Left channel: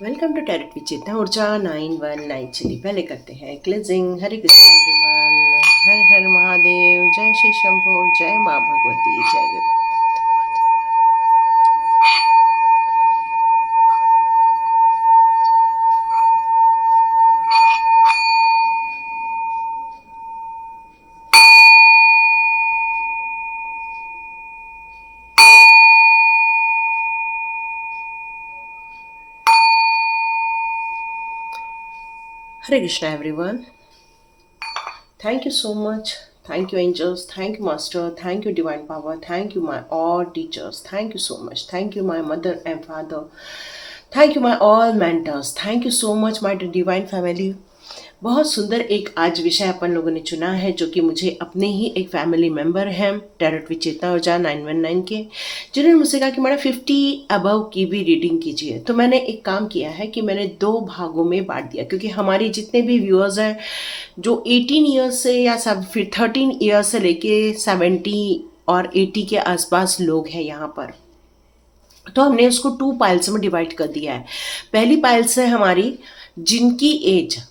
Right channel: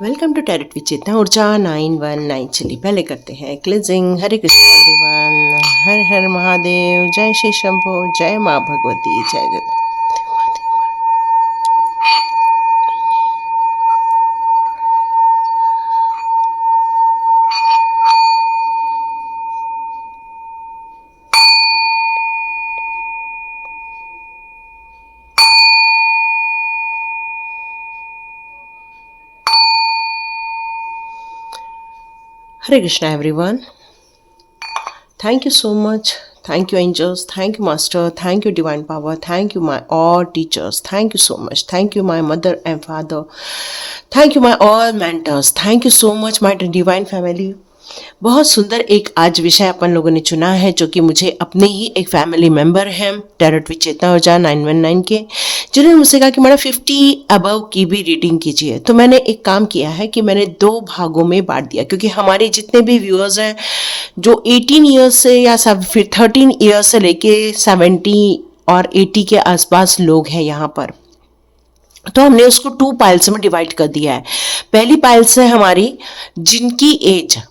Welcome to tarot with Chetna Urja 919। चलिए पहले करते हैं क्लिनजिंग। हरे कृष्ण एवरीवन, हर हर महादेव, जय श्री शंभो, जय माँ भगवती, जय Ganpati. Hare Krishna everyone, thank you so much. Thank you angels, thank you master, thank you divine power, thank you my all teachers, thank you so much, thank you my mother and father, thank you my all mentors, thank you so much my divine family. बहुत सुंदर एक आज विषय अपन लोगों ने चुना है जो कि मुझे अपने ही एक फैमिली मेंबर हैं टैरेट विद चेतना ऊर्जा 919 के, जिन्होंने मुझसे कहा कि मैडम 50 अबव की भी रीडिंग कीजिए। तो मैंने एक काम किया है कि मैंने 2 भागों में बांट दिया, क्योंकि हमारे जितने भी व्यूअर्स हैं जो 18 ईयर्स से या फिर 13 ईयर्स से लेके 70 और 80 के आसपास लोग हैं यहाँ पर, तो हमने उसको 2 पाइल्स में डिवाइड कर दिया है। पहली पाइल्स है हमारी जिनकी एज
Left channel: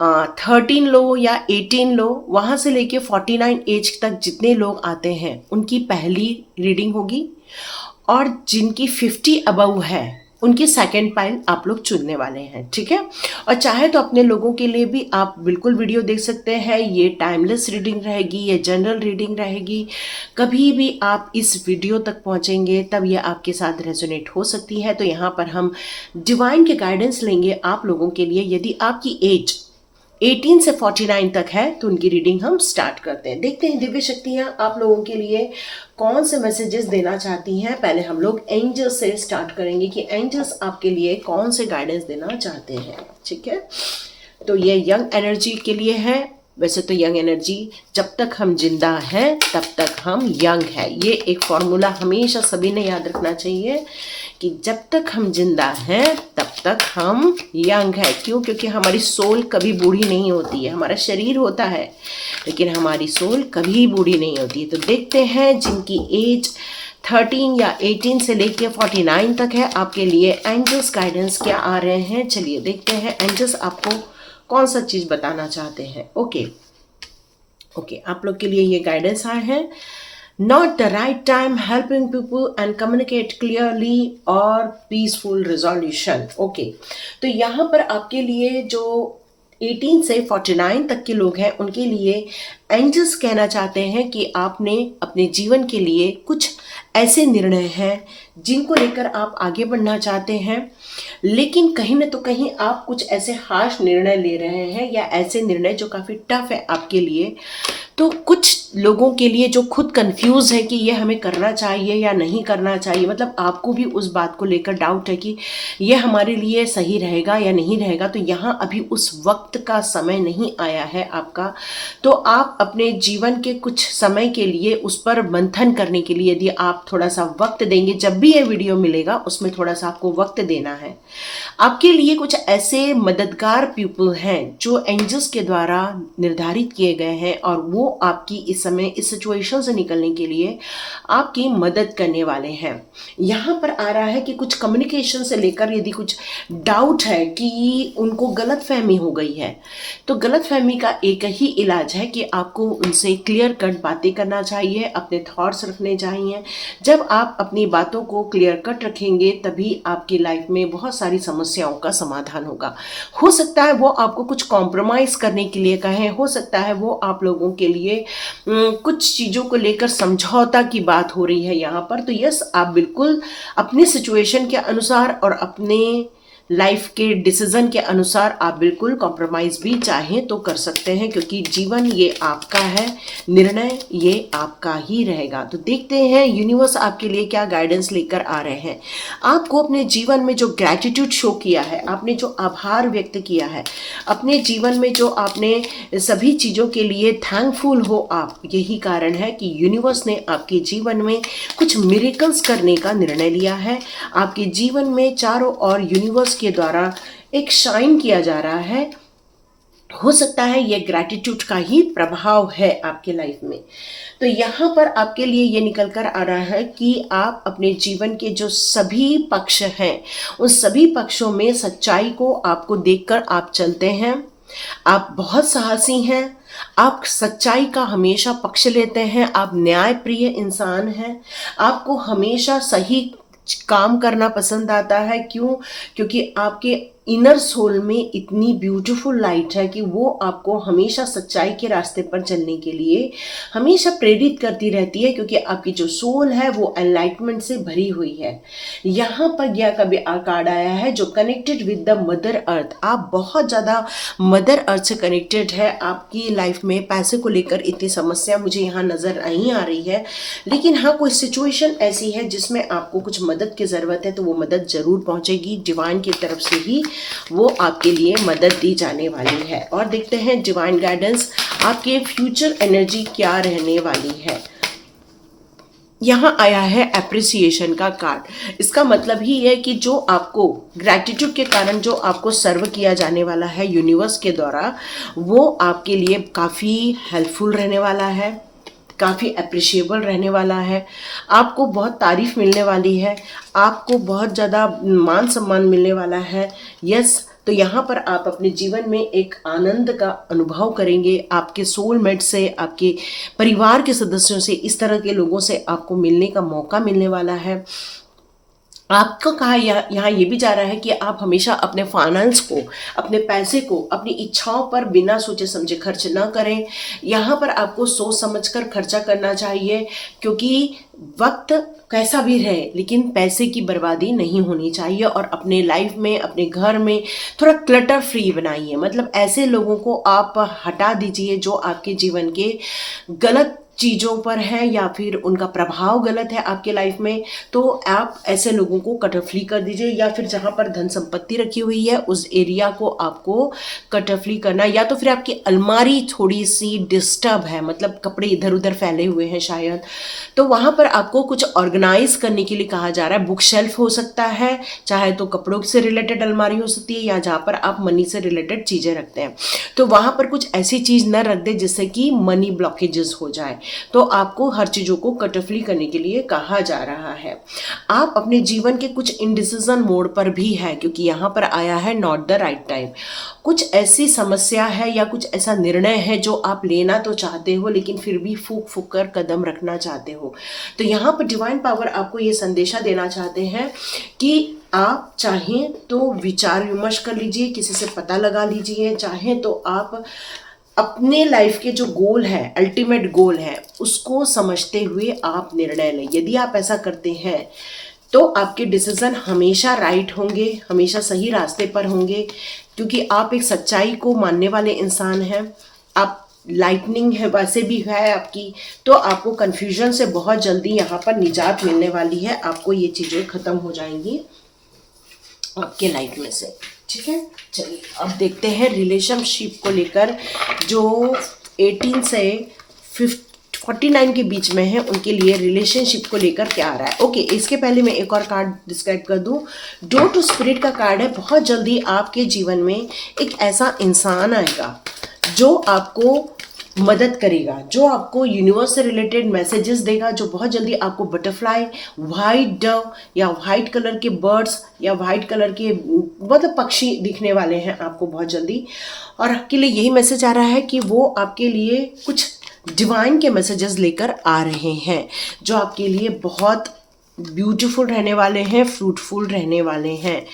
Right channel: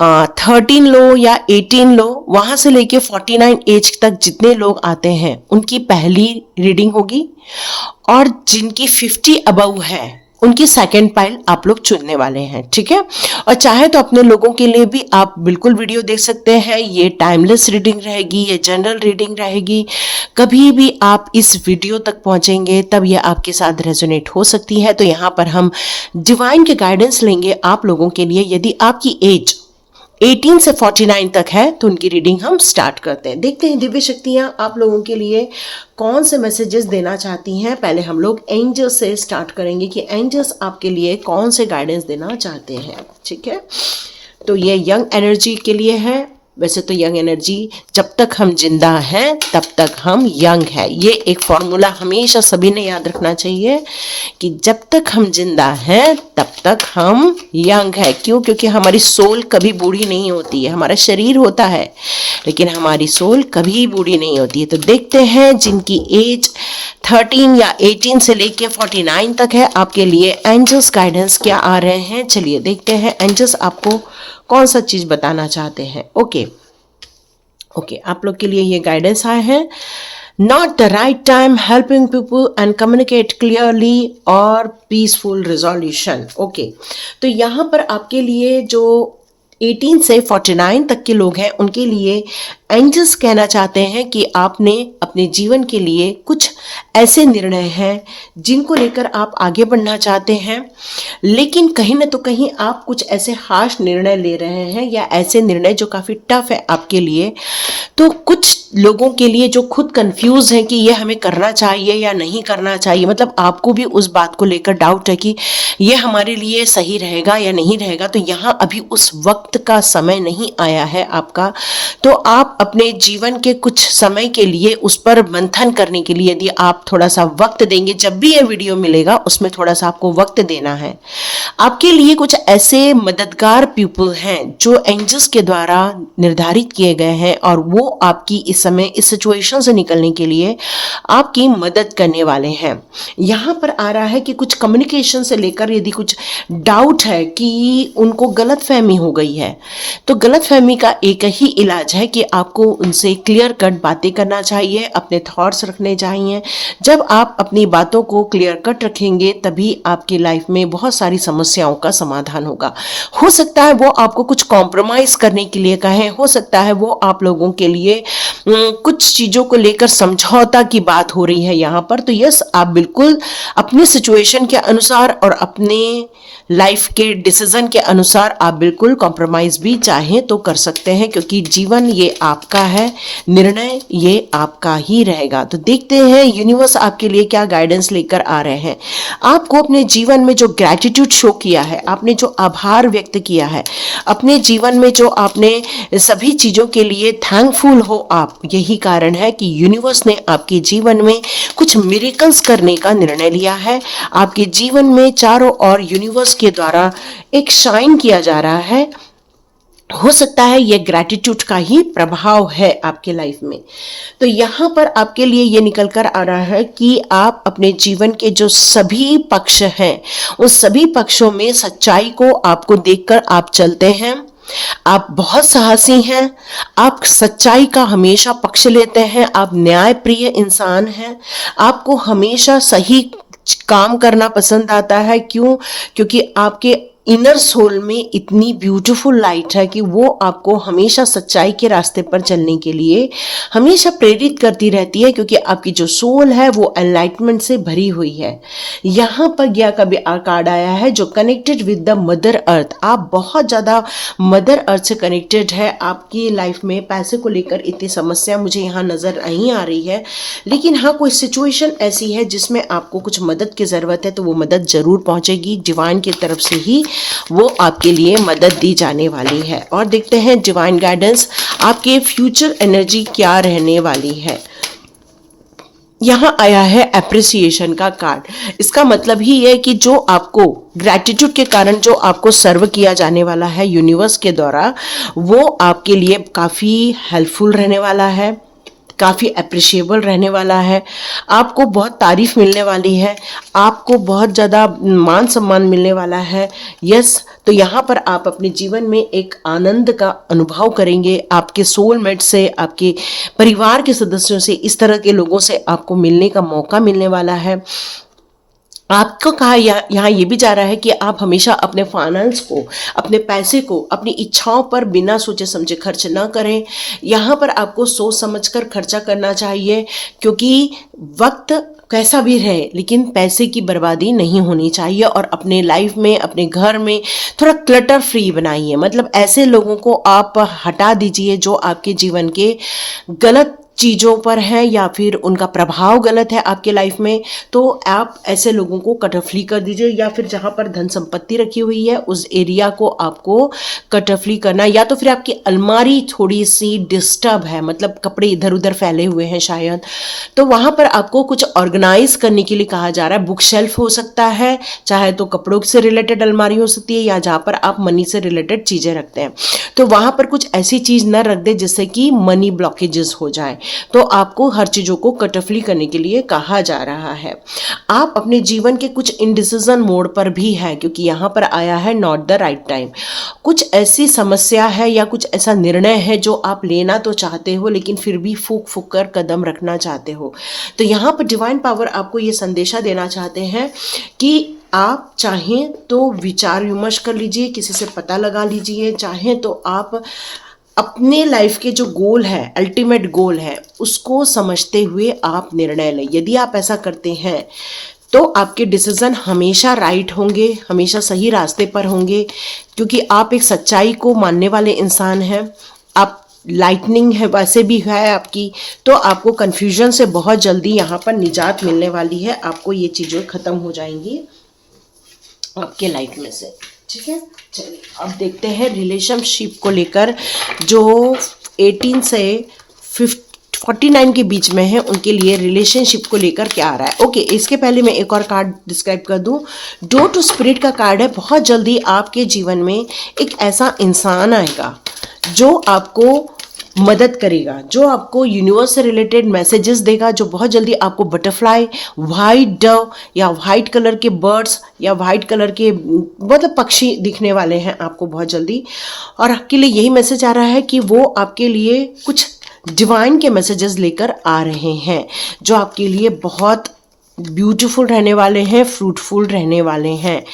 13 लो या 18 लो, वहां से लेके 49 एज तक जितने लोग आते हैं उनकी पहली रीडिंग होगी, और जिनकी 50 अबव है उनकी सेकेंड पाइल आप लोग चुनने वाले हैं, ठीक है। और चाहे तो अपने लोगों के लिए भी आप बिल्कुल वीडियो देख सकते हैं। ये टाइमलेस रीडिंग रहेगी, ये जनरल रीडिंग रहेगी। कभी भी आप इस वीडियो तक पहुंचेंगे तब ये आपके साथ रेजोनेट हो सकती है। तो यहाँ पर हम डिवाइन के गाइडेंस लेंगे आप लोगों के लिए। यदि आपकी एज 18 से 49 तक है तो उनकी रीडिंग हम स्टार्ट करते हैं। देखते हैं दिव्य शक्तियां आप लोगों के लिए कौन से मैसेजेस देना चाहती हैं। पहले हम लोग एंजल्स से स्टार्ट करेंगे कि एंजल्स आपके लिए कौन से गाइडेंस देना चाहते हैं, ठीक है। तो ये यंग एनर्जी के लिए है। वैसे तो यंग एनर्जी, जब तक हम जिंदा हैं तब तक हम यंग हैं। ये एक फॉर्मूला हमेशा सभी ने याद रखना चाहिए कि जब तक हम जिंदा हैं तब तक हम यंग हैं। क्यों? क्योंकि हमारी सोल कभी बूढ़ी नहीं होती है। हमारा शरीर होता है लेकिन हमारी सोल कभी बूढ़ी नहीं होती है। तो देखते हैं जिनकी एज 13 या 18 से लेके 49 तक है, आपके लिए एंजल्स गाइडेंस क्या आ रहे हैं। चलिए देखते हैं एंजल्स आपको कौन सा चीज बताना चाहते हैं। ओके, आप लोग के लिए ये गाइडेंस आए हैं। Not the right time, helping people and communicate clearly और पीसफुल रिजोल्यूशन। ओके, तो यहाँ पर आपके लिए जो 18 से 49 तक के लोग हैं उनके लिए एंजल्स कहना चाहते हैं कि आपने अपने जीवन के लिए कुछ ऐसे निर्णय हैं जिनको लेकर आप आगे बढ़ना चाहते हैं, लेकिन कहीं ना तो कहीं आप कुछ ऐसे हार्श निर्णय ले रहे हैं या ऐसे निर्णय जो काफ़ी टफ है आपके लिए। तो कुछ लोगों के लिए जो खुद कंफ्यूज है कि ये हमें करना चाहिए या नहीं करना चाहिए, मतलब आपको भी उस बात को लेकर डाउट है कि ये हमारे लिए सही रहेगा या नहीं रहेगा, तो यहाँ अभी उस वक्त का समय नहीं आया है आपका। तो आप अपने जीवन के कुछ समय के लिए उस पर मंथन करने के लिए यदि आप थोड़ा सा वक्त देंगे, जब भी ये वीडियो मिलेगा उसमें थोड़ा सा आपको वक्त देना है। आपके लिए कुछ ऐसे मददगार पीपल हैं जो एंजल्स के द्वारा निर्धारित किए गए हैं और वो आपकी इस समय इस सिचुएशन से निकलने के लिए आपकी मदद करने वाले हैं। यहाँ पर आ रहा है कि कुछ कम्युनिकेशन से लेकर यदि कुछ डाउट है कि उनको गलतफहमी हो गई है, तो गलतफहमी का एक ही इलाज है कि आपको उनसे क्लियर कट बातें करना चाहिए, अपने थॉट्स रखने चाहिए। जब आप अपनी बातों को क्लियर कट रखेंगे तभी आपकी लाइफ में बहुत सारी समस्याओं का समाधान होगा। हो सकता है वो आपको कुछ कॉम्प्रोमाइज करने के लिए कहें, हो सकता है वो आप लोगों के लिए कुछ चीज़ों को लेकर समझौता की बात हो रही है यहाँ पर। तो यस, आप बिल्कुल अपनी सिचुएशन के अनुसार और अपने लाइफ के डिसीजन के अनुसार आप बिल्कुल कॉम्प्रोमाइज भी चाहें तो कर सकते हैं, क्योंकि जीवन ये आपका है, निर्णय ये आपका ही रहेगा। तो देखते हैं यूनिवर्स आपके लिए क्या गाइडेंस लेकर आ रहे हैं। आपको अपने जीवन में जो ग्रैटिट्यूड शो किया है, आपने जो आभार व्यक्त किया है, अपने जीवन में जो आपने सभी चीज़ों के लिए थैंकफुल हो आप, यही कारण है कि यूनिवर्स ने आपके जीवन में कुछ मिरेकल्स करने का निर्णय लिया है। आपके जीवन में चारों ओर यूनिवर्स के द्वारा एक शाइन किया जा रहा है हो सकता है ये ग्रैटिट्यूड का ही प्रभाव है आपके लाइफ में। तो यहाँ पर आपके लिए ये निकल कर आ रहा है कि आप अपने जीवन के जो सभी पक्ष हैं उस सभी पक्षों में सच्चाई को आपको देखकर आप चलते हैं। आप बहुत साहसी हैं, आप सच्चाई का हमेशा पक्ष लेते हैं, आप न्यायप्रिय इंसान हैं, आपको हमेशा सही काम करना पसंद आता है। क्यों? क्योंकि आपके इनर सोल में इतनी ब्यूटीफुल लाइट है कि वो आपको हमेशा सच्चाई के रास्ते पर चलने के लिए हमेशा प्रेरित करती रहती है, क्योंकि आपकी जो सोल है वो एनलाइटमेंट से भरी हुई है। यहाँ पर यह कभी कार्ड आया है जो connected with the mother earth. आप बहुत ज़्यादा मदर अर्थ से कनेक्टेड है। आपकी लाइफ में पैसे को लेकर इतनी समस्या मुझे यहाँ नज़र नहीं आ रही है, लेकिन हाँ कोई सिचुएशन ऐसी है जिसमें आपको कुछ मदद की ज़रूरत है, तो वो मदद ज़रूर पहुँचेगी। डिवाइन की तरफ से ही वो आपके लिए मदद दी जाने वाली है। और देखते हैं डिवाइन गाइडेंस आपके फ्यूचर एनर्जी क्या रहने वाली है। यहाँ आया है एप्रिसिएशन का कार्ड। इसका मतलब ही है कि जो आपको ग्रैटिट्यूड के कारण जो आपको सर्व किया जाने वाला है यूनिवर्स के द्वारा, वो आपके लिए काफ़ी हेल्पफुल रहने वाला है, काफ़ी अप्रिशिएबल रहने वाला है। आपको बहुत तारीफ मिलने वाली है, आपको बहुत ज़्यादा मान सम्मान मिलने वाला है। यस, तो यहाँ पर आप अपने जीवन में एक आनंद का अनुभव करेंगे। आपके सोलमेट से, आपके परिवार के सदस्यों से, इस तरह के लोगों से आपको मिलने का मौका मिलने वाला है। आपको कहा यहाँ ये भी जा रहा है कि आप हमेशा अपने फाइनेंस को, अपने पैसे को, अपनी इच्छाओं पर बिना सोचे समझे खर्च ना करें। यहाँ पर आपको सोच समझकर खर्चा करना चाहिए, क्योंकि वक्त कैसा भी रहे लेकिन पैसे की बर्बादी नहीं होनी चाहिए। और अपने लाइफ में, अपने घर में थोड़ा क्लटर फ्री बनाइए। मतलब ऐसे लोगों को आप हटा दीजिए जो आपके जीवन के गलत चीज़ों पर है या फिर उनका प्रभाव गलत है आपके लाइफ में। तो आप ऐसे लोगों को कट ऑफ कर दीजिए, या फिर जहाँ पर धन संपत्ति रखी हुई है उस एरिया को आपको कट ऑफ करना। या तो फिर आपकी अलमारी थोड़ी सी डिस्टर्ब है, मतलब कपड़े इधर उधर फैले हुए हैं शायद, तो वहाँ पर आपको कुछ ऑर्गेनाइज करने के लिए कहा जा रहा है। बुक शेल्फ हो सकता है, चाहे तो कपड़ों से रिलेटेड अलमारी हो सकती है, या जहाँ पर आप मनी से रिलेटेड चीज़ें रखते हैं, तो वहाँ पर कुछ ऐसी चीज़ ना रख दे जिससे कि मनी ब्लॉकेजेस हो जाए। तो आपको हर चीज़ों को कटऑफली करने के लिए कहा जा रहा है। आप अपने जीवन के कुछ इनडिसीजन मोड पर भी है, क्योंकि यहाँ पर आया है नॉट द राइट टाइम। कुछ ऐसी समस्या है या कुछ ऐसा निर्णय है जो आप लेना तो चाहते हो लेकिन फिर भी फूक फूक कर कदम रखना चाहते हो। तो यहाँ पर डिवाइन पावर आपको ये संदेशा देना चाहते हैं कि आप चाहें तो विचार विमर्श कर लीजिए, किसी से पता लगा लीजिए, चाहें तो आप अपने लाइफ के जो गोल है, अल्टीमेट गोल है, उसको समझते हुए आप निर्णय लें। यदि आप ऐसा करते हैं तो आपके डिसीजन हमेशा राइट होंगे, हमेशा सही रास्ते पर होंगे, क्योंकि आप एक सच्चाई को मानने वाले इंसान हैं। आप लाइटनिंग है वैसे भी है आपकी, तो आपको कन्फ्यूजन से बहुत जल्दी यहाँ पर निजात मिलने वाली है। आपको ये चीज़ें ख़त्म हो जाएंगी आपके लाइफ में से। ठीक है, चलिए अब देखते हैं रिलेशनशिप को लेकर जो 18 से 49 के बीच में है उनके लिए रिलेशनशिप को लेकर क्या आ रहा है। ओके, इसके पहले मैं एक और कार्ड डिस्क्राइब कर दूं। डोर टू स्पिरिट का कार्ड है। बहुत जल्दी आपके जीवन में एक ऐसा इंसान आएगा जो आपको मदद करेगा, जो आपको यूनिवर्स से रिलेटेड मैसेजेस देगा, जो बहुत जल्दी आपको बटरफ्लाई, वाइट डव या वाइट कलर के बर्ड्स या वाइट कलर के मतलब पक्षी दिखने वाले हैं आपको बहुत जल्दी। और आपके लिए यही मैसेज आ रहा है कि वो आपके लिए कुछ डिवाइन के मैसेजेस लेकर आ रहे हैं जो आपके लिए बहुत ब्यूटीफुल रहने वाले हैं, फ्रूटफुल रहने वाले हैं।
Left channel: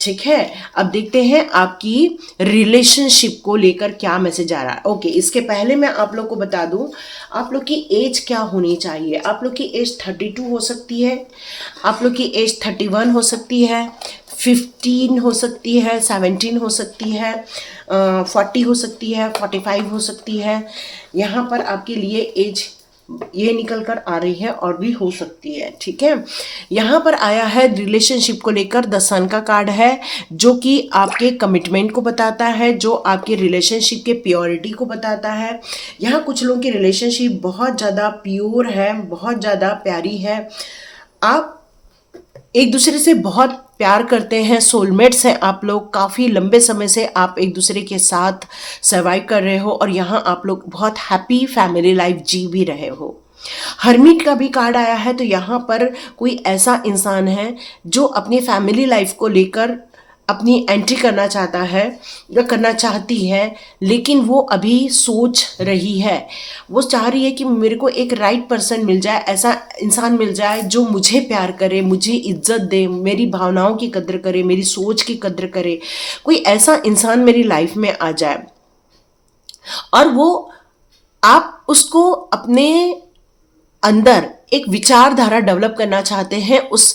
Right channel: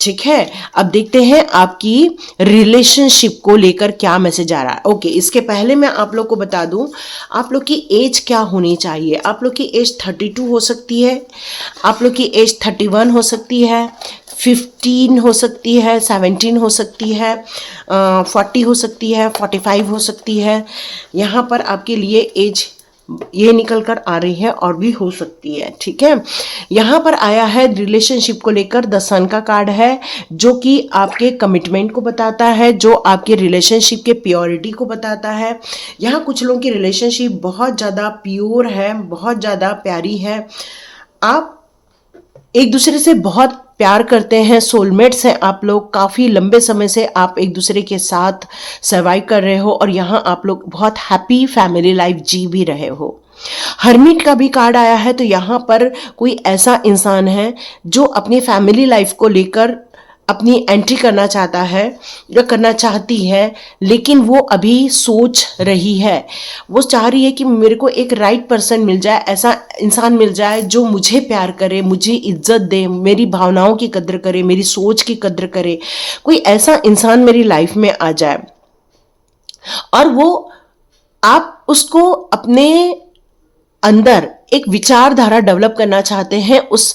ठीक है, अब देखते हैं आपकी रिलेशनशिप को लेकर क्या मैसेज आ रहा है। ओके, इसके पहले मैं आप लोग को बता दूं आप लोग की एज क्या होनी चाहिए। आप लोग की एज 32 हो सकती है, आप लोग की एज 31 हो सकती है, 15 हो सकती है, 17 हो सकती है, 40 हो सकती है, 45 हो सकती है। यहाँ पर आपके लिए एज ये निकल कर आ रही है और भी हो सकती है। ठीक है, यहाँ पर आया है रिलेशनशिप को लेकर द सन का कार्ड है, जो कि आपके कमिटमेंट को बताता है, जो आपके रिलेशनशिप के प्योरिटी को बताता है। यहाँ कुछ लोगों की रिलेशनशिप बहुत ज़्यादा प्योर है, बहुत ज़्यादा प्यारी है। आप एक दूसरे से बहुत प्यार करते हैं, सोलमेट्स हैं आप लोग, काफ़ी लंबे समय से आप एक दूसरे के साथ सर्वाइव कर रहे हो और यहाँ आप लोग बहुत हैप्पी फैमिली लाइफ जी भी रहे हो। हर्मिट का भी कार्ड आया है, तो यहाँ पर कोई ऐसा इंसान है जो अपनी फैमिली लाइफ को लेकर अपनी एंट्री करना चाहता है या करना चाहती है, लेकिन वो अभी सोच रही है। वो चाह रही है कि मेरे को एक राइट पर्सन मिल जाए, ऐसा इंसान मिल जाए जो मुझे प्यार करे, मुझे इज्जत दे, मेरी भावनाओं की कद्र करे, मेरी सोच की कद्र करे। कोई ऐसा इंसान मेरी लाइफ में आ जाए और वो आप उसको अपने अंदर एक विचारधारा डेवलप करना चाहते हैं। उस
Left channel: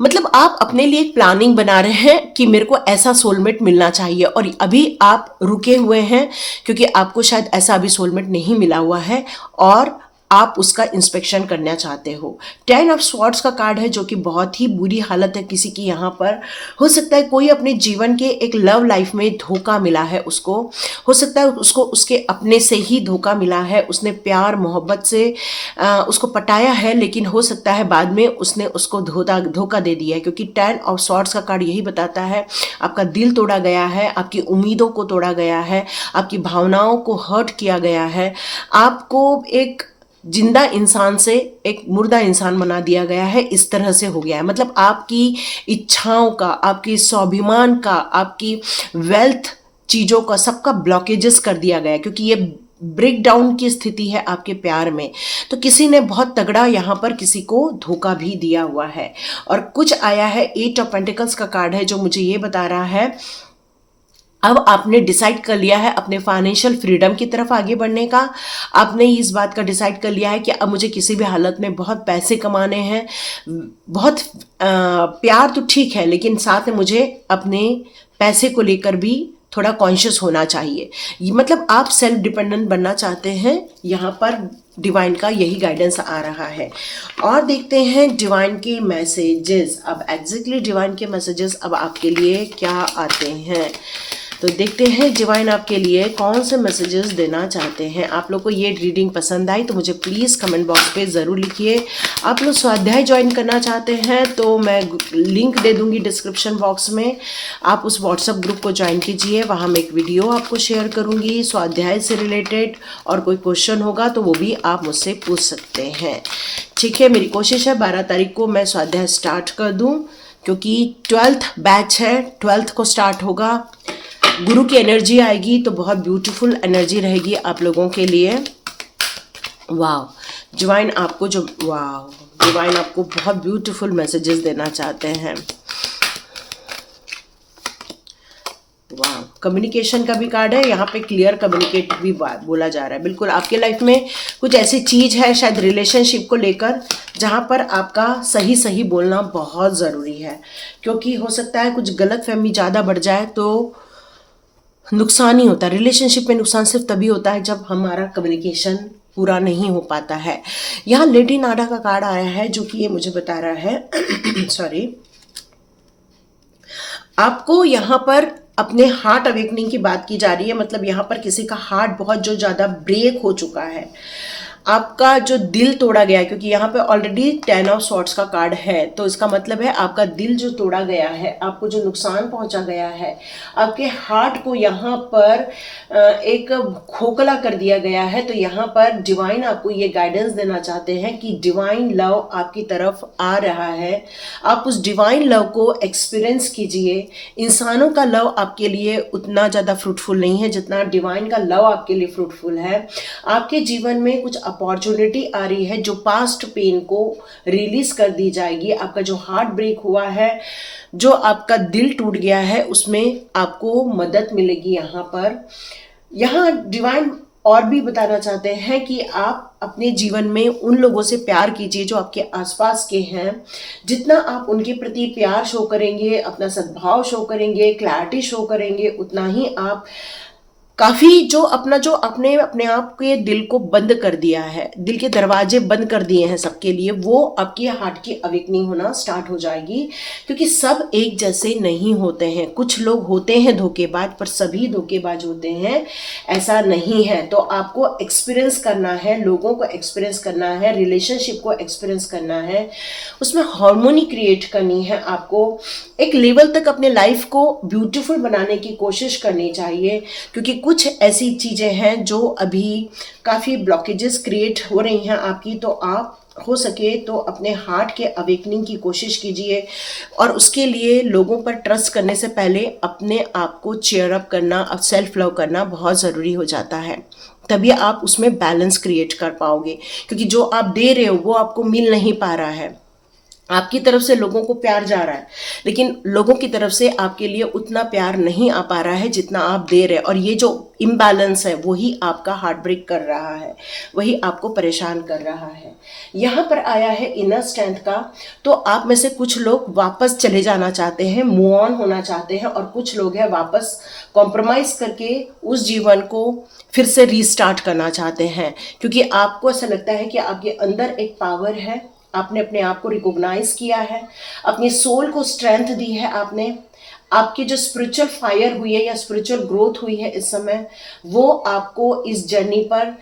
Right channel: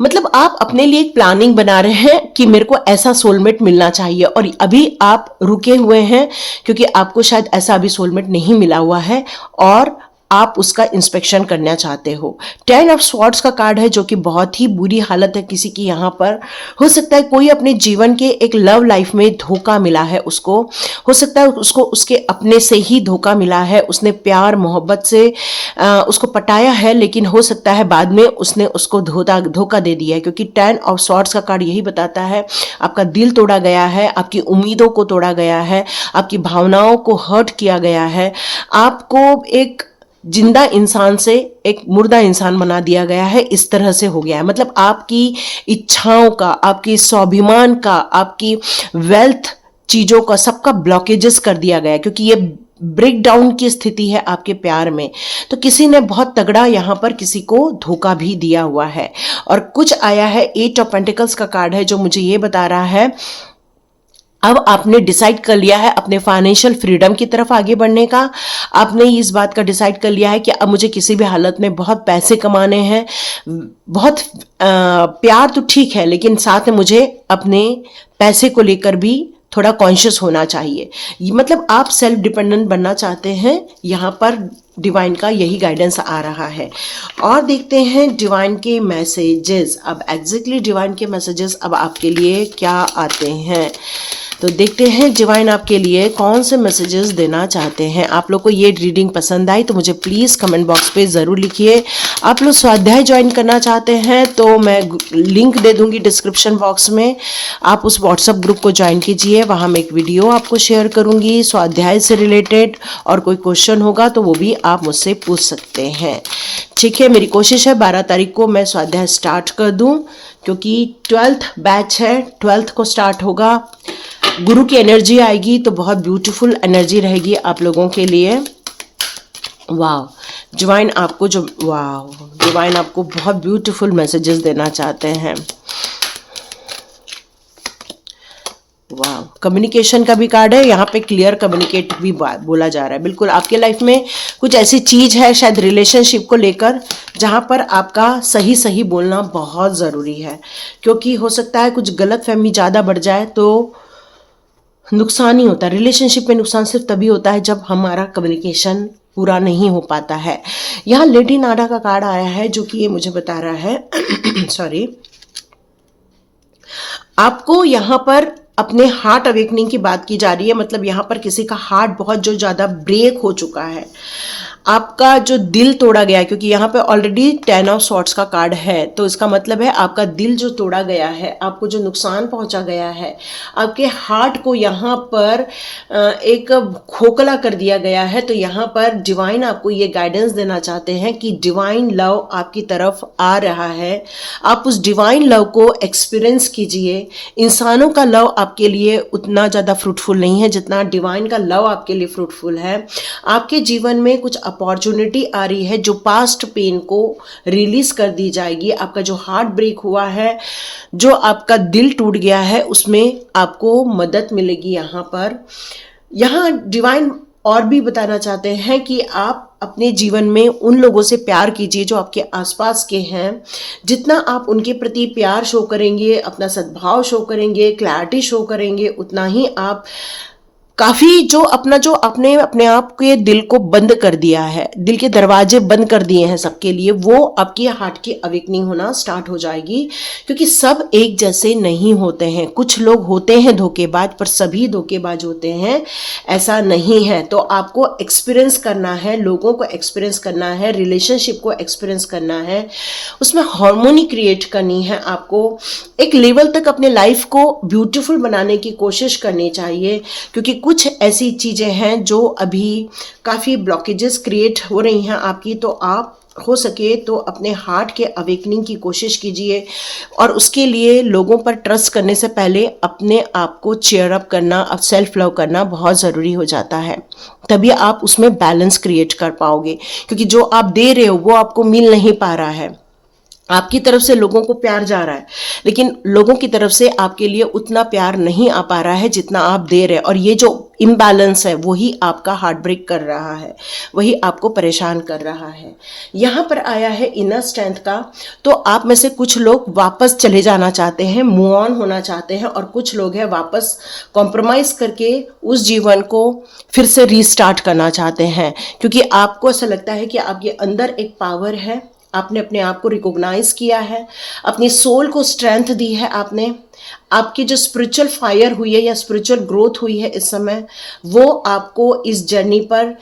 मतलब आप अपने लिए एक प्लानिंग बना रहे हैं कि मेरे को ऐसा सोलमेट मिलना चाहिए और अभी आप रुके हुए हैं क्योंकि आपको शायद ऐसा अभी सोलमेट नहीं मिला हुआ है और आप उसका इंस्पेक्शन करना चाहते हो। 10 ऑफ स्वॉर्ड्स का कार्ड है जो कि बहुत ही बुरी हालत है किसी की। यहाँ पर हो सकता है कोई अपने जीवन के एक लव लाइफ में धोखा मिला है उसको, हो सकता है उसको उसके अपने से ही धोखा मिला है, उसने प्यार मोहब्बत से उसको पटाया है, लेकिन हो सकता है बाद में उसने उसको धोखा दे दिया है, क्योंकि 10 ऑफ स्वॉर्ड्स का कार्ड यही बताता है आपका दिल तोड़ा गया है, आपकी उम्मीदों को तोड़ा गया है, आपकी भावनाओं को हर्ट किया गया है, आपको एक जिंदा इंसान से एक मुर्दा इंसान बना दिया गया है। इस तरह से हो गया है, मतलब आपकी इच्छाओं का, आपकी स्वाभिमान का, आपकी वेल्थ चीज़ों का, सबका ब्लॉकेजेस कर दिया गया है, क्योंकि ये ब्रेक डाउन की स्थिति है आपके प्यार में। तो किसी ने बहुत तगड़ा यहाँ पर किसी को धोखा भी दिया हुआ है। और कुछ आया है 8 ऑफ पेंटिकल्स का कार्ड है जो मुझे ये बता रहा है अब आपने डिसाइड कर लिया है अपने फाइनेंशियल फ्रीडम की तरफ आगे बढ़ने का। आपने इस बात का डिसाइड कर लिया है कि अब मुझे किसी भी हालत में बहुत पैसे कमाने हैं, बहुत प्यार तो ठीक है लेकिन साथ में मुझे अपने पैसे को लेकर भी थोड़ा कॉन्शियस होना चाहिए। ये मतलब आप सेल्फ डिपेंडेंट बनना चाहते हैं। यहाँ पर डिवाइन का यही गाइडेंस आ रहा है। और देखते हैं डिवाइन के मैसेजेस। अब एग्जैक्टली डिवाइन के मैसेजेस अब आपके लिए क्या आते हैं, तो देखते हैं डिवाइन आपके लिए कौन से मैसेजेस देना चाहते हैं। आप लोग को ये रीडिंग पसंद आई तो मुझे प्लीज़ कमेंट बॉक्स पे ज़रूर लिखिए। आप लोग स्वाध्याय ज्वाइन करना चाहते हैं तो मैं लिंक दे दूंगी डिस्क्रिप्शन बॉक्स में, आप उस व्हाट्सएप ग्रुप को ज्वाइन कीजिए। वहाँ मैं एक वीडियो आपको शेयर करूँगी स्वाध्याय से रिलेटेड, और कोई क्वेश्चन होगा तो वो भी आप मुझसे पूछ सकते हैं। ठीक है, मेरी कोशिश है 12 तारीख को मैं स्वाध्याय स्टार्ट कर दूँ, क्योंकि 12th बैच है, 12th को स्टार्ट होगा। गुरु की एनर्जी आएगी तो बहुत ब्यूटीफुल एनर्जी रहेगी आप लोगों के लिए। वाह, डिवाइन आपको डिवाइन आपको बहुत ब्यूटीफुल मैसेजेस देना चाहते हैं। वाह, कम्युनिकेशन का भी कार्ड है यहाँ पे, क्लियर कम्युनिकेट भी बोला जा रहा है। बिल्कुल आपके लाइफ में कुछ ऐसी चीज है शायद रिलेशनशिप को लेकर जहाँ पर आपका सही सही बोलना बहुत ज़रूरी है, क्योंकि हो सकता है कुछ गलत फहमी ज़्यादा बढ़ जाए तो नुकसान ही होता है। रिलेशनशिप में नुकसान सिर्फ तभी होता है जब हमारा कम्युनिकेशन पूरा नहीं हो पाता है। यहाँ लेडी नाडा का कार्ड आया है जो कि ये मुझे बता रहा है सॉरी, आपको यहाँ पर अपने हार्ट अवेकनिंग की बात की जा रही है। मतलब यहाँ पर किसी का हार्ट बहुत जो ज़्यादा ब्रेक हो चुका है, आपका जो दिल तोड़ा गया है, क्योंकि यहाँ पे ऑलरेडी 10 ऑफ स्वॉर्ड्स का कार्ड है, तो इसका मतलब है आपका दिल जो तोड़ा गया है, आपको जो नुकसान पहुंचा गया है, आपके हार्ट को यहाँ पर एक खोखला कर दिया गया है। तो यहाँ पर डिवाइन आपको ये गाइडेंस देना चाहते हैं कि डिवाइन लव आपकी तरफ आ रहा है, आप उस डिवाइन लव को एक्सपीरियंस कीजिए। इंसानों का लव आपके लिए उतना ज़्यादा फ्रूटफुल नहीं है जितना डिवाइन का लव आपके लिए फ्रूटफुल है। आपके जीवन में कुछ अपॉर्चुनिटी आ रही है जो पास्ट पेन को रिलीज कर दी जाएगी। आपका जो हार्ट ब्रेक हुआ है, जो आपका दिल टूट गया है, उसमें आपको मदद मिलेगी। यहाँ डिवाइन और भी बताना चाहते हैं कि आप अपने जीवन में उन लोगों से प्यार कीजिए जो आपके आसपास के हैं। जितना आप उनके प्रति प्यार शो करेंगे, अपना सद्भाव शो करेंगे, क्लैरिटी शो करेंगे, उतना ही आप काफी जो अपने अपने आप के दिल को बंद कर दिया है, दिल के दरवाजे बंद कर दिए हैं सबके लिए, वो आपकी हार्ट की अवेकनिंग होना स्टार्ट हो जाएगी। क्योंकि सब एक जैसे नहीं होते हैं, कुछ लोग होते हैं धोखेबाज, पर सभी धोखेबाज होते हैं ऐसा नहीं है। तो आपको एक्सपीरियंस करना है, लोगों को एक्सपीरियंस करना है, रिलेशनशिप को एक्सपीरियंस करना है, उसमें हार्मोनी क्रिएट करनी है। आपको एक लेवल तक अपने लाइफ को ब्यूटीफुल बनाने की कोशिश करनी चाहिए, क्योंकि कुछ ऐसी चीजें हैं जो अभी काफी ब्लॉकेजेस क्रिएट हो रही हैं आपकी। तो आप हो सके तो अपने हार्ट के अवेकनिंग की कोशिश कीजिए, और उसके लिए लोगों पर ट्रस्ट करने से पहले अपने आप को चेयर अप करना, अब सेल्फ लव करना बहुत ज़रूरी हो जाता है। तभी आप उसमें बैलेंस क्रिएट कर पाओगे, क्योंकि जो आप दे रहे हो वो आपको मिल नहीं पा रहा है। आपकी तरफ से लोगों को प्यार जा रहा है, लेकिन लोगों की तरफ से आपके लिए उतना प्यार नहीं आ पा रहा है जितना आप दे रहे हैं, और ये जो इम्बैलेंस है वही आपका हार्ट ब्रेक कर रहा है, वही आपको परेशान कर रहा है। यहाँ पर आया है इनर स्ट्रेंथ का। तो आप में से कुछ लोग वापस चले जाना चाहते हैं, मूव ऑन होना चाहते हैं, और कुछ लोग हैं वापस कॉम्प्रोमाइज करके उस जीवन को फिर से रीस्टार्ट करना चाहते हैं, क्योंकि आपको ऐसा लगता है कि आपके अंदर एक पावर है, आपने अपने आप को रिकॉग्नाइज किया है, अपनी सोल को स्ट्रेंथ दी है आपने। आपकी जो स्पिरिचुअल फायर हुई है या स्पिरिचुअल ग्रोथ हुई है इस समय, वो आपको इस जर्नी पर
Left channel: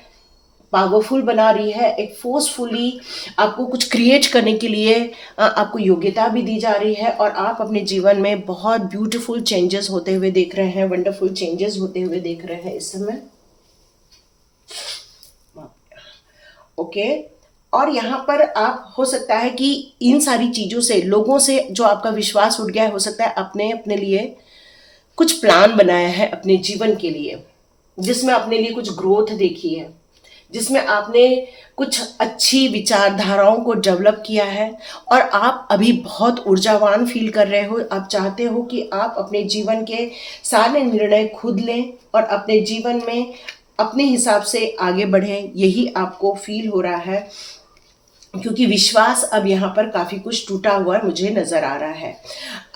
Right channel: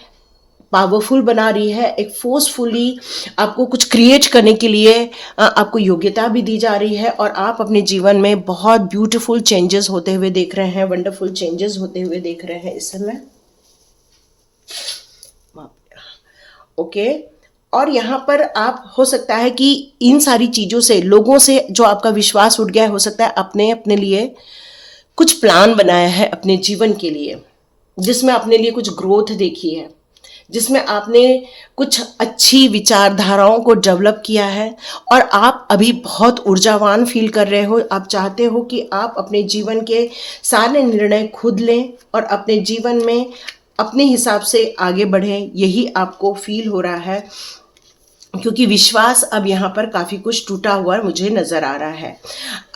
पावरफुल बना रही है। एक फोर्सफुली आपको कुछ क्रिएट करने के लिए आपको योग्यता भी दी जा रही है, और आप अपने जीवन में बहुत ब्यूटीफुल चेंजेस होते हुए देख रहे हैं, वंडरफुल चेंजेस होते हुए देख रहे हैं इस समय। ओके, और यहाँ पर आप हो सकता है कि इन सारी चीज़ों से, लोगों से जो आपका विश्वास उठ गया है, हो सकता है अपने अपने लिए कुछ प्लान बनाया है अपने जीवन के लिए, जिसमें अपने लिए कुछ ग्रोथ देखी है, जिसमें आपने कुछ अच्छी विचारधाराओं को डेवलप किया है, और आप अभी बहुत ऊर्जावान फील कर रहे हो। आप चाहते हो कि आप अपने जीवन के सारे निर्णय खुद लें और अपने जीवन में अपने हिसाब से आगे बढ़ें, यही आपको फील हो रहा है, क्योंकि विश्वास अब यहाँ पर काफ़ी कुछ टूटा हुआ मुझे नज़र आ रहा है।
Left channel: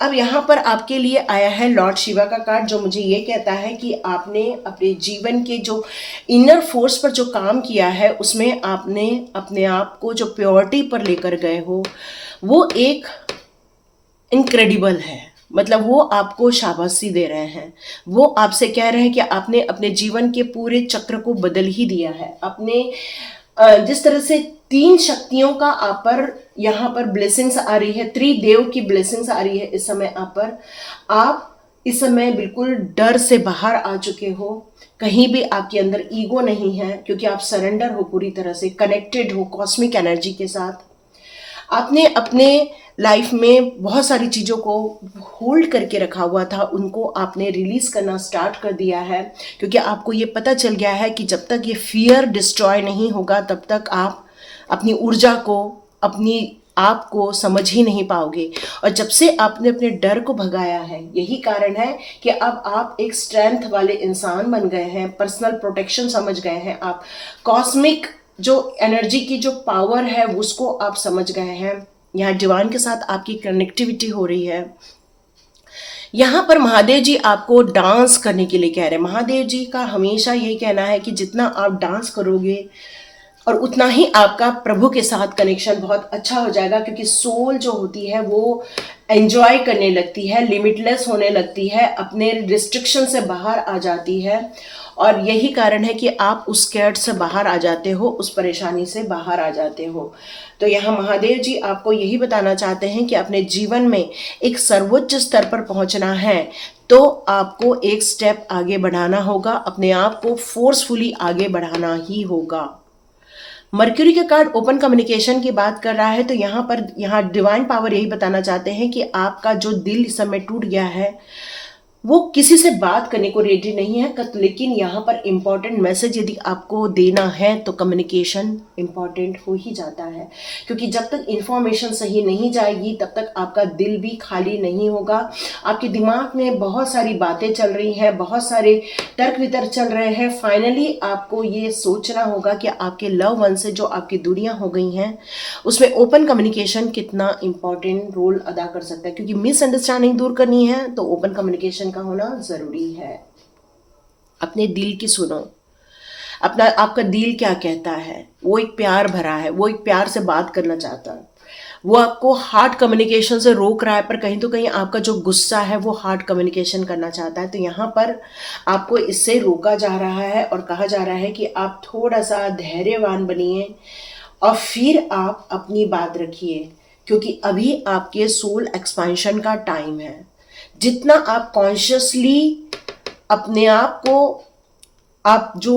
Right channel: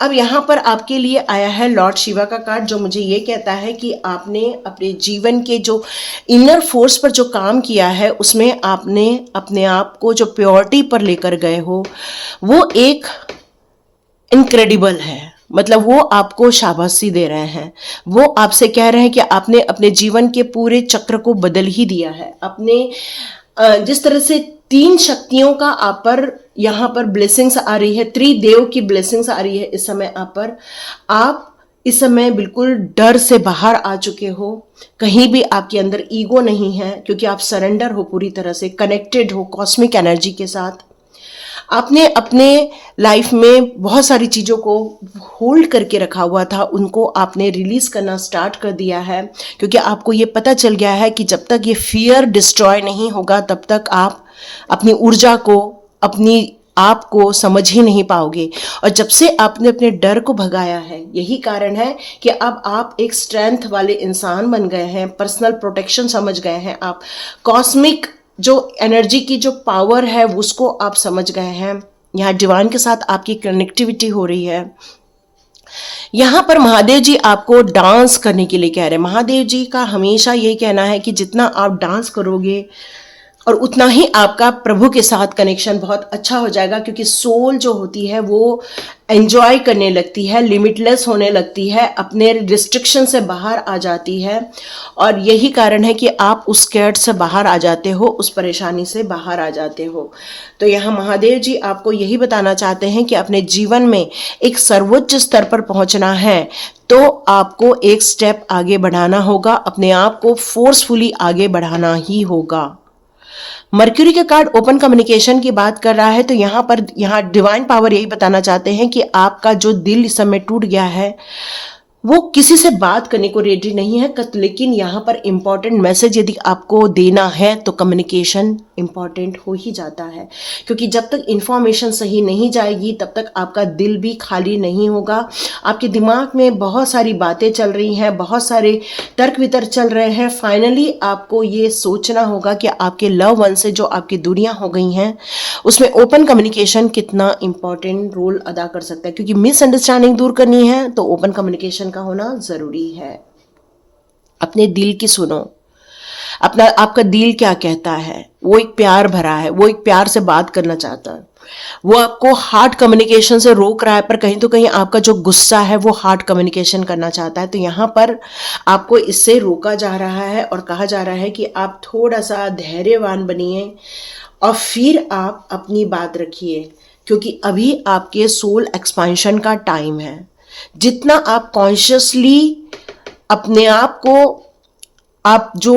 अब यहाँ पर आपके लिए आया है लॉर्ड शिवा का कार्ड, जो मुझे ये कहता है कि आपने अपने जीवन के जो इनर फोर्स पर जो काम किया है, उसमें आपने अपने आप को जो प्योरिटी पर लेकर गए हो, वो एक इनक्रेडिबल है। मतलब वो आपको शाबाशी दे रहे हैं, वो आपसे कह रहे हैं कि आपने अपने जीवन के पूरे चक्र को बदल ही दिया है। अपने जिस तरह से 3 शक्तियों का आप पर यहाँ पर ब्लेसिंग्स आ रही है, त्रिदेव की ब्लेसिंग्स आ रही है इस समय आप पर। आप इस समय बिल्कुल डर से बाहर आ चुके हो, कहीं भी आपके अंदर ईगो नहीं है, क्योंकि आप सरेंडर हो, पूरी तरह से कनेक्टेड हो कॉस्मिक एनर्जी के साथ। आपने अपने लाइफ में बहुत सारी चीज़ों को होल्ड करके रखा हुआ था, उनको आपने रिलीज करना स्टार्ट कर दिया है, क्योंकि आपको ये पता चल गया है कि जब तक ये फियर डिस्ट्रॉय नहीं होगा, तब तक आप अपनी ऊर्जा को, अपनी आप को समझ ही नहीं पाओगे। और जब से आपने अपने डर को भगाया है, यही कारण है कि अब आप एक स्ट्रेंथ वाले इंसान बन गए हैं, पर्सनल प्रोटेक्शन समझ गए हैं आप, कॉस्मिक जो एनर्जी की जो पावर है उसको आप समझ गए हैं। यहाँ डिवाइन के साथ आपकी कनेक्टिविटी हो रही है। यहाँ पर महादेव जी आपको डांस करने के लिए कह रहे हैं। महादेव जी का हमेशा यही कहना है कि जितना आप डांस करोगे और उतना ही आपका प्रभु के साथ कनेक्शन बहुत अच्छा हो जाएगा, क्योंकि सोल जो होती है वो एंजॉय करने लगती है, लिमिटलेस होने लगती है, अपने रिस्ट्रिक्शन से बाहर आ जाती है। और यही कारण है कि आप उस कैट से बाहर आ जाते हो, उस परेशानी से बाहर आ जाते हो। तो यहाँ महादेव जी आपको यही बताना चाहते हैं कि अपने जीवन में एक सर्वोच्च स्तर पर पहुंचना है, तो आपको एक स्टेप आगे बढ़ाना होगा, अपने आप को फोर्सफुली आगे बढ़ाना ही होगा। मर्क्यूरी का कार्ड ओपन कम्युनिकेशन की बात कर रहा है। तो यहाँ डिवाइन पावर यही बताना चाहते हैं कि आपका जो दिल इस समय टूट गया है, वो किसी से बात करने को रेडी नहीं है, लेकिन यहाँ पर इम्पॉर्टेंट मैसेज यदि आपको देना है तो कम्युनिकेशन इम्पॉर्टेंट हो ही जाता है, क्योंकि जब तक इंफॉर्मेशन सही नहीं जाएगी तब तक आपका दिल भी खाली नहीं होगा। आपके दिमाग में बहुत सारी बातें चल रही हैं, बहुत सारे तर्क वितर्क चल रहे हैं। फाइनली आपको ये सोचना होगा कि आपके लव वन से जो आपकी दूरियां हो गई हैं, उसमें ओपन कम्युनिकेशन कितना इंपॉर्टेंट रोल अदा कर सकता है, क्योंकि मिसअंडरस्टैंडिंग दूर करनी है तो ओपन कम्युनिकेशन का होना जरूरी है। अपने दिल की सुनो, अपना आपका दिल क्या कहता है। वो एक प्यार भरा है, वो एक प्यार से बात करना चाहता है, वो आपको हार्ट कम्युनिकेशन से रोक रहा है, पर कहीं तो कहीं आपका जो गुस्सा है वो हार्ट कम्युनिकेशन करना चाहता है। तो यहाँ पर आपको इससे रोका जा रहा है और कहा जा रहा है कि आप थोड़ा सा धैर्यवान बनिए और फिर आप अपनी बात रखिए, क्योंकि अभी आपके सोल एक्सपांशन का टाइम है। जितना आप कॉन्शियसली अपने आप को, आप जो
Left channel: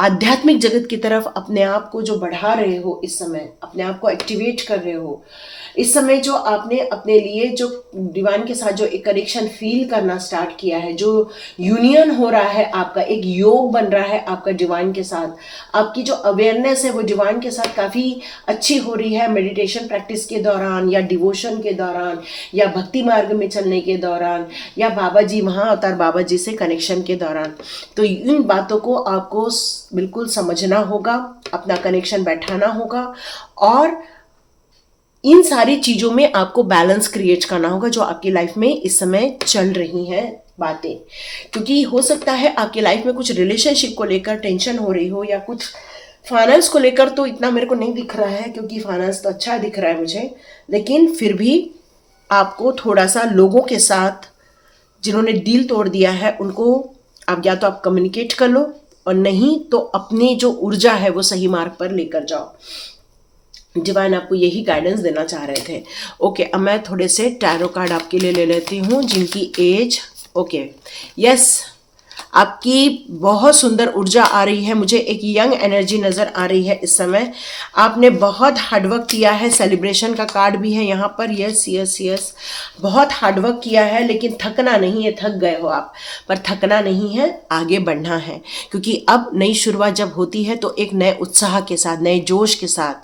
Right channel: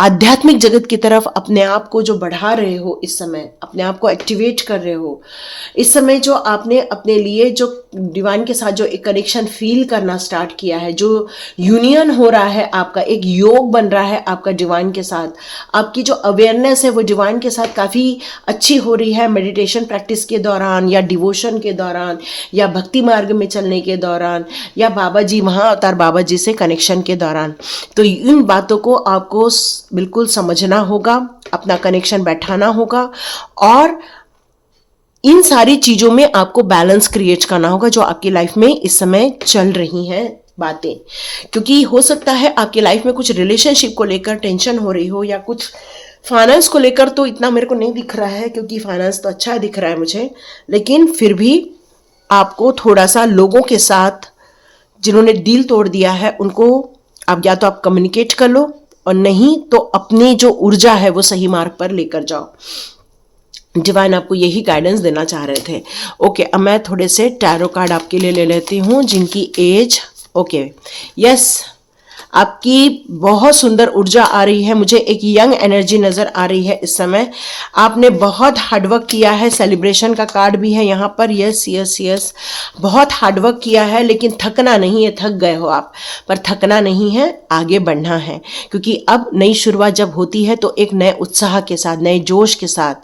आध्यात्मिक जगत की तरफ अपने आप को जो बढ़ा रहे हो, इस समय अपने आप को एक्टिवेट कर रहे हो, इस समय जो आपने अपने लिए जो डिवाइन के साथ जो एक कनेक्शन फील करना स्टार्ट किया है, जो यूनियन हो रहा है, आपका एक योग बन रहा है आपका डिवाइन के साथ, आपकी जो अवेयरनेस है वो डिवाइन के साथ काफ़ी अच्छी हो रही है मेडिटेशन प्रैक्टिस के दौरान, या डिवोशन के दौरान, या भक्ति मार्ग में चलने के दौरान, या बाबा जी, महाअवतार बाबा जी से कनेक्शन के दौरान। तो इन बातों को आपको बिल्कुल समझना होगा, अपना कनेक्शन बैठाना होगा, और इन सारी चीजों में आपको बैलेंस क्रिएट करना होगा जो आपकी लाइफ में इस समय चल रही हैं बातें। क्योंकि हो सकता है आपकी लाइफ में कुछ रिलेशनशिप को लेकर टेंशन हो रही हो, या कुछ फाइनेंस को लेकर तो इतना मेरे को नहीं दिख रहा है, क्योंकि फाइनेंस तो अच्छा दिख रहा है मुझे, लेकिन फिर भी आपको थोड़ा सा लोगों के साथ जिन्होंने दिल तोड़ दिया है उनको आप या तो आप कम्युनिकेट कर लो, और नहीं तो अपनी जो ऊर्जा है वो सही मार्ग पर लेकर जाओ। डिवाइन आपको यही गाइडेंस देना चाह रहे थे। ओके, अब मैं थोड़े से टैरो कार्ड आपके लिए ले लेती हूँ जिनकी एज, ओके, यस, आपकी बहुत सुंदर ऊर्जा आ रही है, मुझे एक यंग एनर्जी नज़र आ रही है इस समय। आपने बहुत हार्डवर्क किया है, सेलिब्रेशन का कार्ड भी है यहाँ पर, यस यस यस, बहुत हार्डवर्क किया है, लेकिन थकना नहीं है, थक गए हो आप, पर थकना नहीं है, आगे बढ़ना है। क्योंकि अब नई शुरुआत जब होती है तो एक नए उत्साह के साथ, नए जोश के साथ,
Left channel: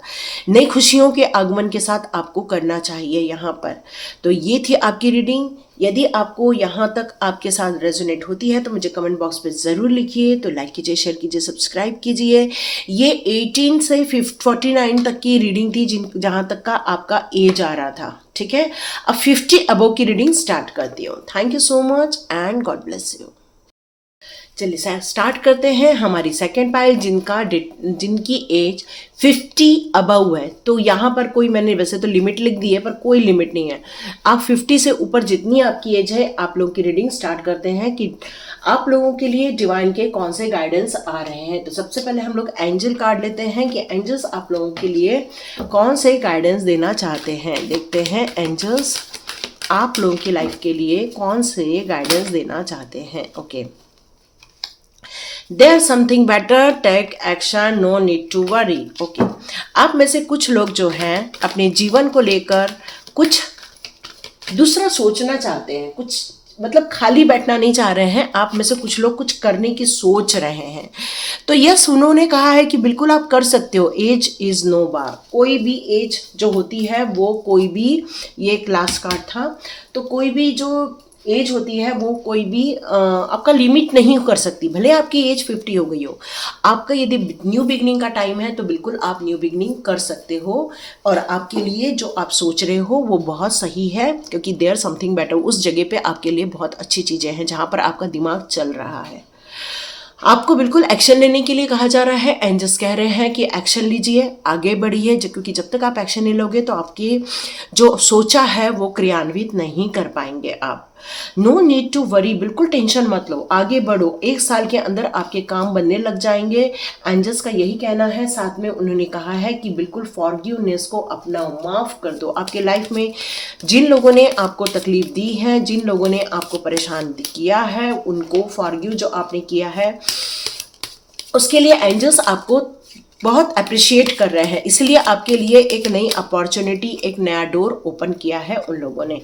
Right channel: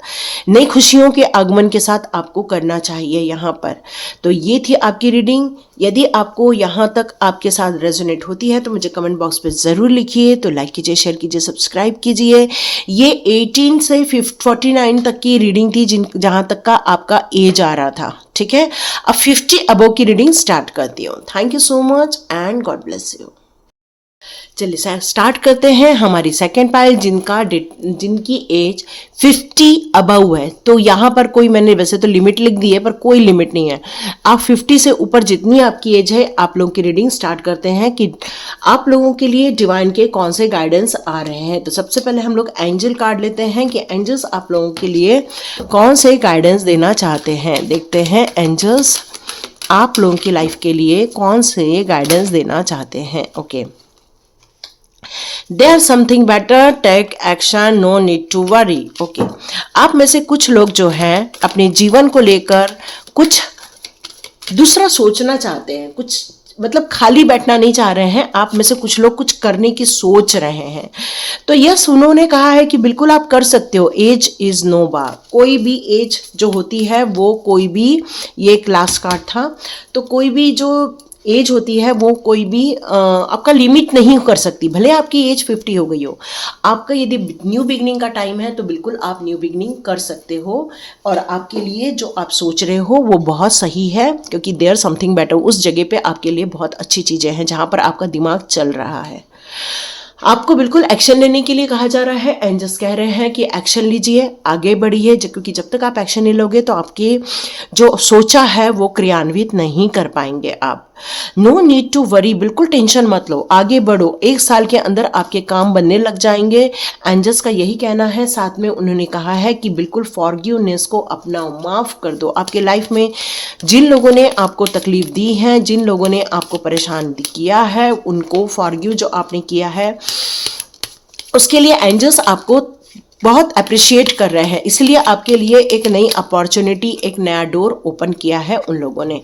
नई खुशियों के आगमन के साथ आपको करना चाहिए यहाँ पर। तो ये थी आपकी रीडिंग। यदि आपको यहाँ तक आपके साथ रेजोनेट होती है तो मुझे कमेंट बॉक्स पे ज़रूर लिखिए। तो लाइक कीजिए, शेयर कीजिए, सब्सक्राइब कीजिए। ये 18 से 49 तक की रीडिंग थी जहाँ तक का आपका एज आ रहा था, ठीक है। अब 50 अबव की रीडिंग स्टार्ट करती हूँ। Thank you so much and God bless you. चलिए स्टार्ट करते हैं हमारी सेकेंड पाइल जिनकी एज 50 अबव है। तो यहाँ पर कोई, मैंने वैसे तो लिमिट लिख दी है पर कोई लिमिट नहीं है, आप 50 से ऊपर जितनी आपकी एज है आप लोगों की रीडिंग स्टार्ट करते हैं कि आप लोगों के लिए डिवाइन के कौन से गाइडेंस आ रहे हैं। तो सबसे पहले हम लोग एंजल कार्ड लेते हैं कि एंजल्स आप लोगों के लिए कौन से गाइडेंस देना चाहते हैं। देखते हैं एंजल्स आप लोगों की लाइफ के लिए कौन से गाइडेंस देना चाहते हैं। Okay, There's something better, take action, no need to worry. Okay. आप में से कुछ लोग जो हैं अपने जीवन को लेकर कुछ दूसरा सोचना चाहते हैं, कुछ मतलब खाली बैठना नहीं चाह रहे हैं। आप में से कुछ लोग कुछ करने की सोच रहे हैं। तो यस, उन्होंने कहा है कि बिल्कुल आप कर सकते हो। एज इज नो बार, कोई भी एज जो होती है वो कोई भी, ये एक लास्ट कार्ड था, तो कोई भी जो एज होती है वो कोई भी आपका लिमिट नहीं कर सकती। भले आपकी एज 50 हो गई हो, आपका यदि न्यू बिगनिंग का टाइम है तो बिल्कुल आप न्यू बिगनिंग कर सकते हो, और आपके लिए जो आप सोच रहे हो वो बहुत सही है, क्योंकि देयर समथिंग बेटर, उस जगह पे आपके लिए बहुत अच्छी चीज़ें हैं जहाँ पर आपका दिमाग चल रहा है। आपको बिल्कुल एक्शन लेने के लिए कहा जा रहा है। एंजल्स कह रहे हैं कि एक्शन लीजिए, आगे बढ़िए, क्योंकि जब तक आप एक्शन नहीं लोगे तो आपके जो सोचा है वो क्रियान्वित नहीं कर पाएंगे आप। नो नीड टू वरी, बिल्कुल टेंशन मत लो, आगे बढ़ो, 1 साल के अंदर आपके काम बनने लग जाएंगे। एंजल्स का यही कहना है। साथ में उन्होंने कहा है कि बिल्कुल फॉरगिवनेस को अपनाओ, माफ़ कर दो। आपके लाइफ में जिन लोगों ने आपको तकलीफ दी है, जिन लोगों ने आपको परेशान किया है, उनको फॉरगिव जो आपने किया है उसके लिए एंजल्स आपको बहुत अप्रिशिएट कर रहे हैं। इसलिए आपके लिए एक नई अपॉर्चुनिटी, एक नया डोर ओपन किया है उन लोगों ने।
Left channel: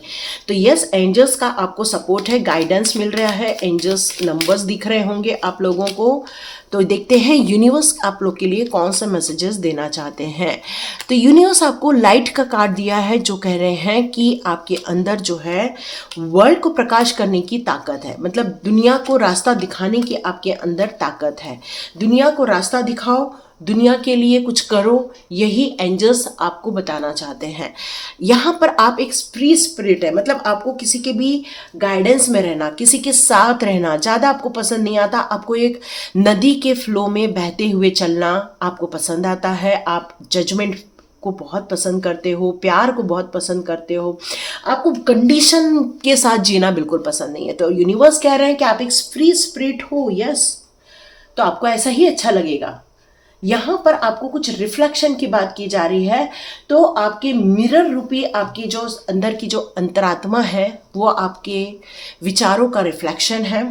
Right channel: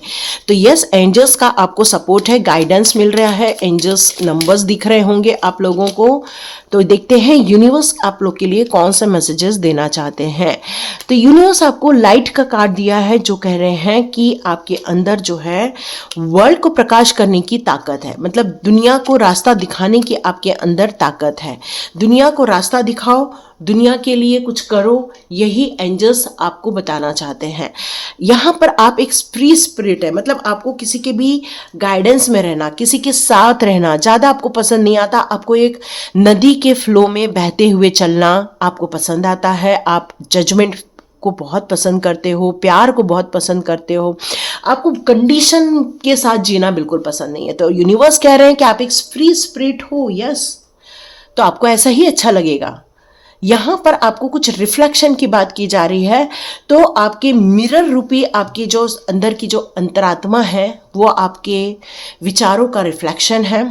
तो यस, एंजल्स का आपको सपोर्ट है, गाइडेंस मिल रहा है, एंजल्स नंबर्स दिख रहे होंगे आप लोगों को। तो देखते हैं यूनिवर्स आप लोग के लिए कौन से मैसेजेस देना चाहते हैं। तो यूनिवर्स आपको लाइट का कार्ड दिया है, जो कह रहे हैं कि आपके अंदर जो है वर्ल्ड को प्रकाश करने की ताकत है, मतलब दुनिया को रास्ता दिखाने की आपके अंदर ताकत है। दुनिया को रास्ता दिखाओ, दुनिया के लिए कुछ करो, यही एंजल्स आपको बताना चाहते हैं। यहाँ पर आप एक फ्री स्पिरिट है, मतलब आपको किसी के भी गाइडेंस में रहना, किसी के साथ रहना ज़्यादा आपको पसंद नहीं आता। आपको एक नदी के फ्लो में बहते हुए चलना आपको पसंद आता है। आप जजमेंट को बहुत पसंद करते हो, प्यार को बहुत पसंद करते हो, आपको कंडीशन के साथ जीना बिल्कुल पसंद नहीं है। तो यूनिवर्स कह रहे हैं कि आप एक फ्री स्पिरिट हो, यस, तो आपको ऐसा ही अच्छा लगेगा। यहाँ पर आपको कुछ रिफ्लेक्शन की बात की जा रही है, तो आपके मिरर रूपी आपकी जो अंदर की जो अंतरात्मा है वो आपके विचारों का रिफ्लेक्शन है।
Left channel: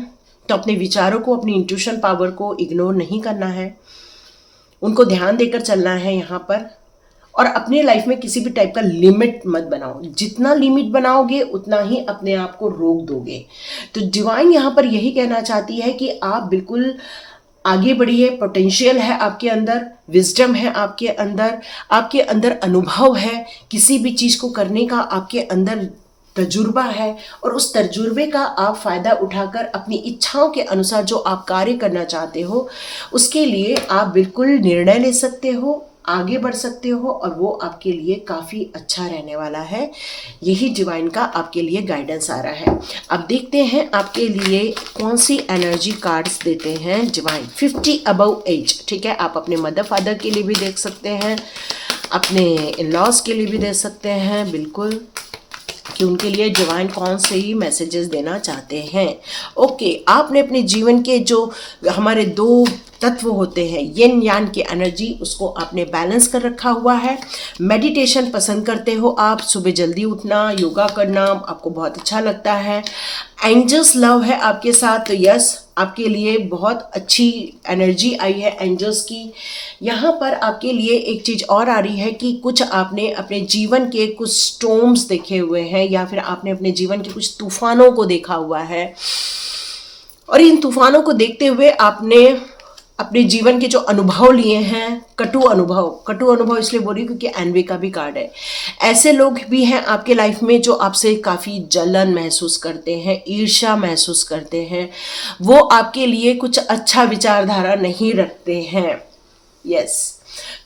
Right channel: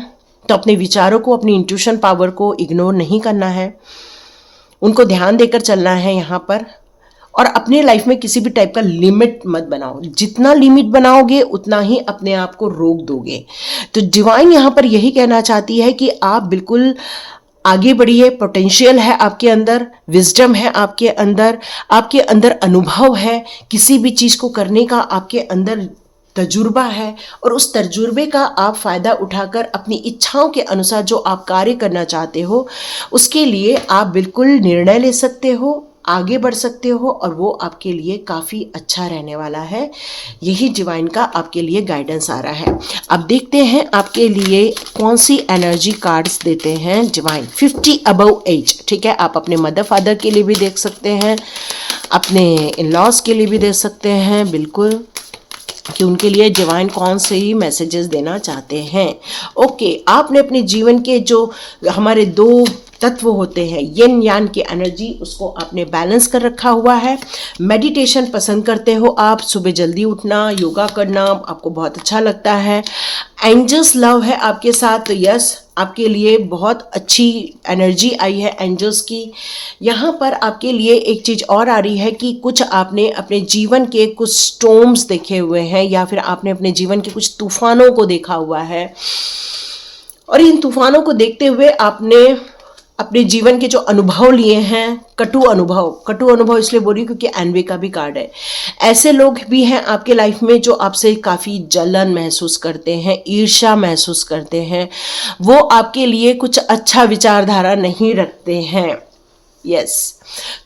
तो अपने विचारों को, अपनी इंट्यूशन पावर को इग्नोर नहीं करना है, उनको ध्यान देकर चलना है यहाँ पर। और अपने लाइफ में किसी भी टाइप का लिमिट मत बनाओ, जितना लिमिट बनाओगे उतना ही अपने आप को रोक दोगे। तो डिवाइन यहाँ पर यही कहना चाहती है कि आप बिल्कुल आगे बढ़िए, पोटेंशियल है आपके अंदर, विजडम है आपके अंदर अनुभव है, किसी भी चीज़ को करने का आपके अंदर तजुर्बा है, और उस तजुर्बे का आप फ़ायदा उठाकर अपनी इच्छाओं के अनुसार जो आप कार्य करना चाहते हो उसके लिए आप बिल्कुल निर्णय ले सकते हो, आगे बढ़ सकते हो, और वो आपके लिए काफ़ी अच्छा रहने वाला है। यही डिवाइन का आपके लिए गाइडेंस आ रहा है। अब देखते हैं आपके लिए कौन सी एनर्जी कार्ड्स देते हैं डिवाइन। 50 अबव एज, ठीक है, आप अपने मदर फादर के लिए भी देख सकते हैं, अपने इन लॉज के लिए भी दे सकते हैं, बिल्कुल, कि उनके लिए डिवाइन कौन से ही मैसेजेस देना चाहते हैं। ओके, आपने अपने जीवन के जो हमारे दो तत्व होते हैं, यिन यान की एनर्जी, उसको आपने बैलेंस कर रखा हुआ है। मेडिटेशन पसंद करते हो आप, सुबह जल्दी उठना, योगा करना आपको बहुत अच्छा लगता है। एंजल्स लव है आपके साथ, तो यस, आपके लिए बहुत अच्छी एनर्जी आई है एंजल्स की। यहाँ पर आपके लिए एक चीज़ और आ रही है कि कुछ आपने अपने जीवन के कुछ स्टॉर्म्स देखे हुए हैं, या फिर आपने अपने जीवन के कुछ तूफानों को देखा हुआ है, और इन तूफानों को देखते हुए आपने अपने जीवन के जो अनुभव लिए हैं, कटु अनुभव इसलिए बोल रही हूँ क्योंकि एनवी का भी कार्ड है। ऐसे लोग भी हैं आपके लाइफ में जो आपसे काफ़ी जलन महसूस करते हैं, ईर्ष्या महसूस करते हैं, वो आपके लिए कुछ अच्छा विचारधारा नहीं रखते हैं, यस।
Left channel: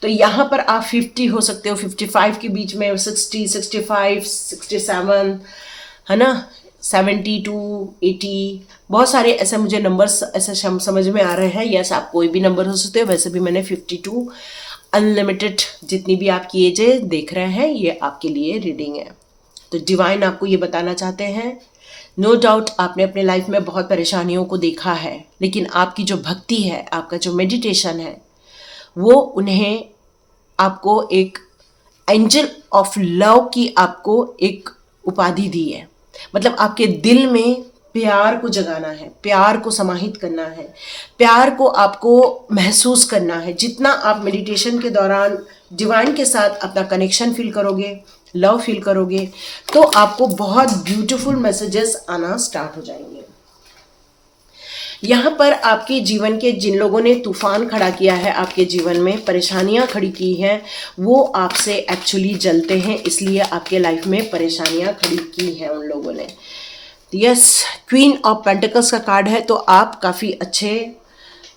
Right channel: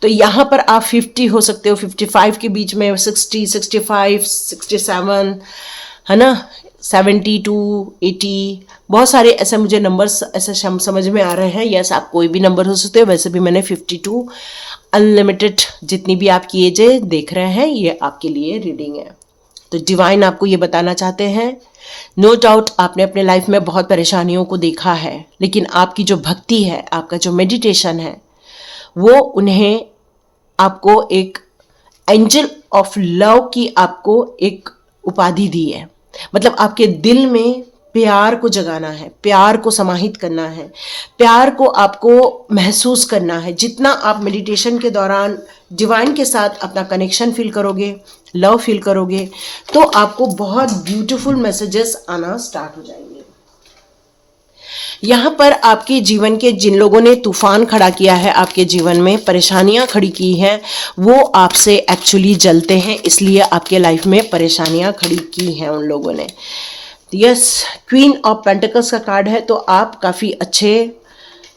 तो यहाँ पर आप 50 हो सकते हो, 55 के बीच में, 60, 65, 67, है ना, 72, 80, बहुत सारे ऐसे मुझे नंबर्स ऐसे समझ में आ रहे हैं। यस, आप कोई भी नंबर हो सकते हो, वैसे भी मैंने 52 अनलिमिटेड जितनी भी आपकी एजें देख रहे हैं, ये आपके लिए रीडिंग है। तो डिवाइन आपको ये बताना चाहते हैं, नो डाउट आपने अपने लाइफ में बहुत परेशानियों को देखा है, लेकिन आपकी जो भक्ति है, आपका जो मेडिटेशन है, वो उन्हें आपको एक एंजल ऑफ लव की आपको एक उपाधि दी है। मतलब आपके दिल में प्यार को जगाना है, प्यार को समाहित करना है, प्यार को आपको महसूस करना है। जितना आप मेडिटेशन के दौरान डिवाइन के साथ अपना कनेक्शन फील करोगे, लव फील करोगे, तो आपको बहुत ब्यूटीफुल मैसेजेस आना स्टार्ट हो जाएंगे। यहाँ पर आपके जीवन के जिन लोगों ने तूफान खड़ा किया है, आपके जीवन में परेशानियाँ खड़ी की हैं, वो आपसे एक्चुअली जलते हैं, इसलिए आपके लाइफ में परेशानियाँ खड़ी की हैं उन लोगों ने। यस, क्वीन ऑफ पेंटिकल्स का कार्ड है, तो आप काफ़ी अच्छे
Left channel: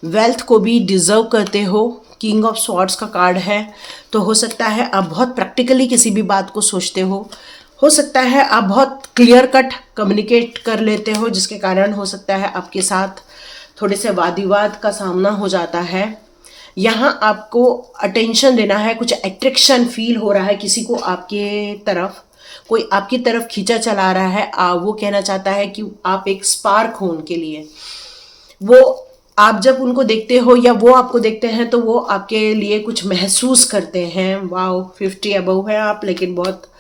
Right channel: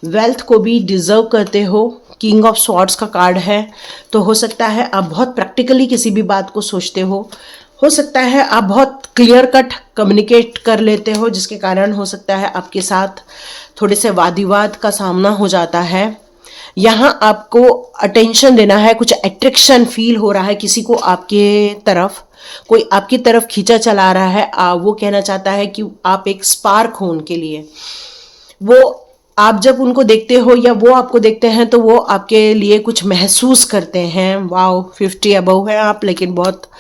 वेल्थ को भी डिजर्व करते हो। किंग ऑफ स्वॉर्ड्स का कार्ड है, तो हो सकता है आप बहुत प्रैक्टिकली किसी भी बात को सोचते हो सकता है आप बहुत क्लियर कट कम्युनिकेट कर लेते हो, जिसके कारण हो सकता है आपके साथ थोड़े से वाद विवाद का सामना हो जाता है। यहाँ आपको अटेंशन देना है, कुछ अट्रैक्शन फील हो रहा है, किसी को आपके तरफ, कोई आपकी तरफ खींचा चला रहा है। वो कहना चाहता है कि आप एक स्पार्क हो उनके लिए। वो आप जब उनको देखते हो या वो आपको देखते हैं तो वो आपके लिए कुछ महसूस करते हैं। वाओ, 50 अबव है आप, लेकिन बहुत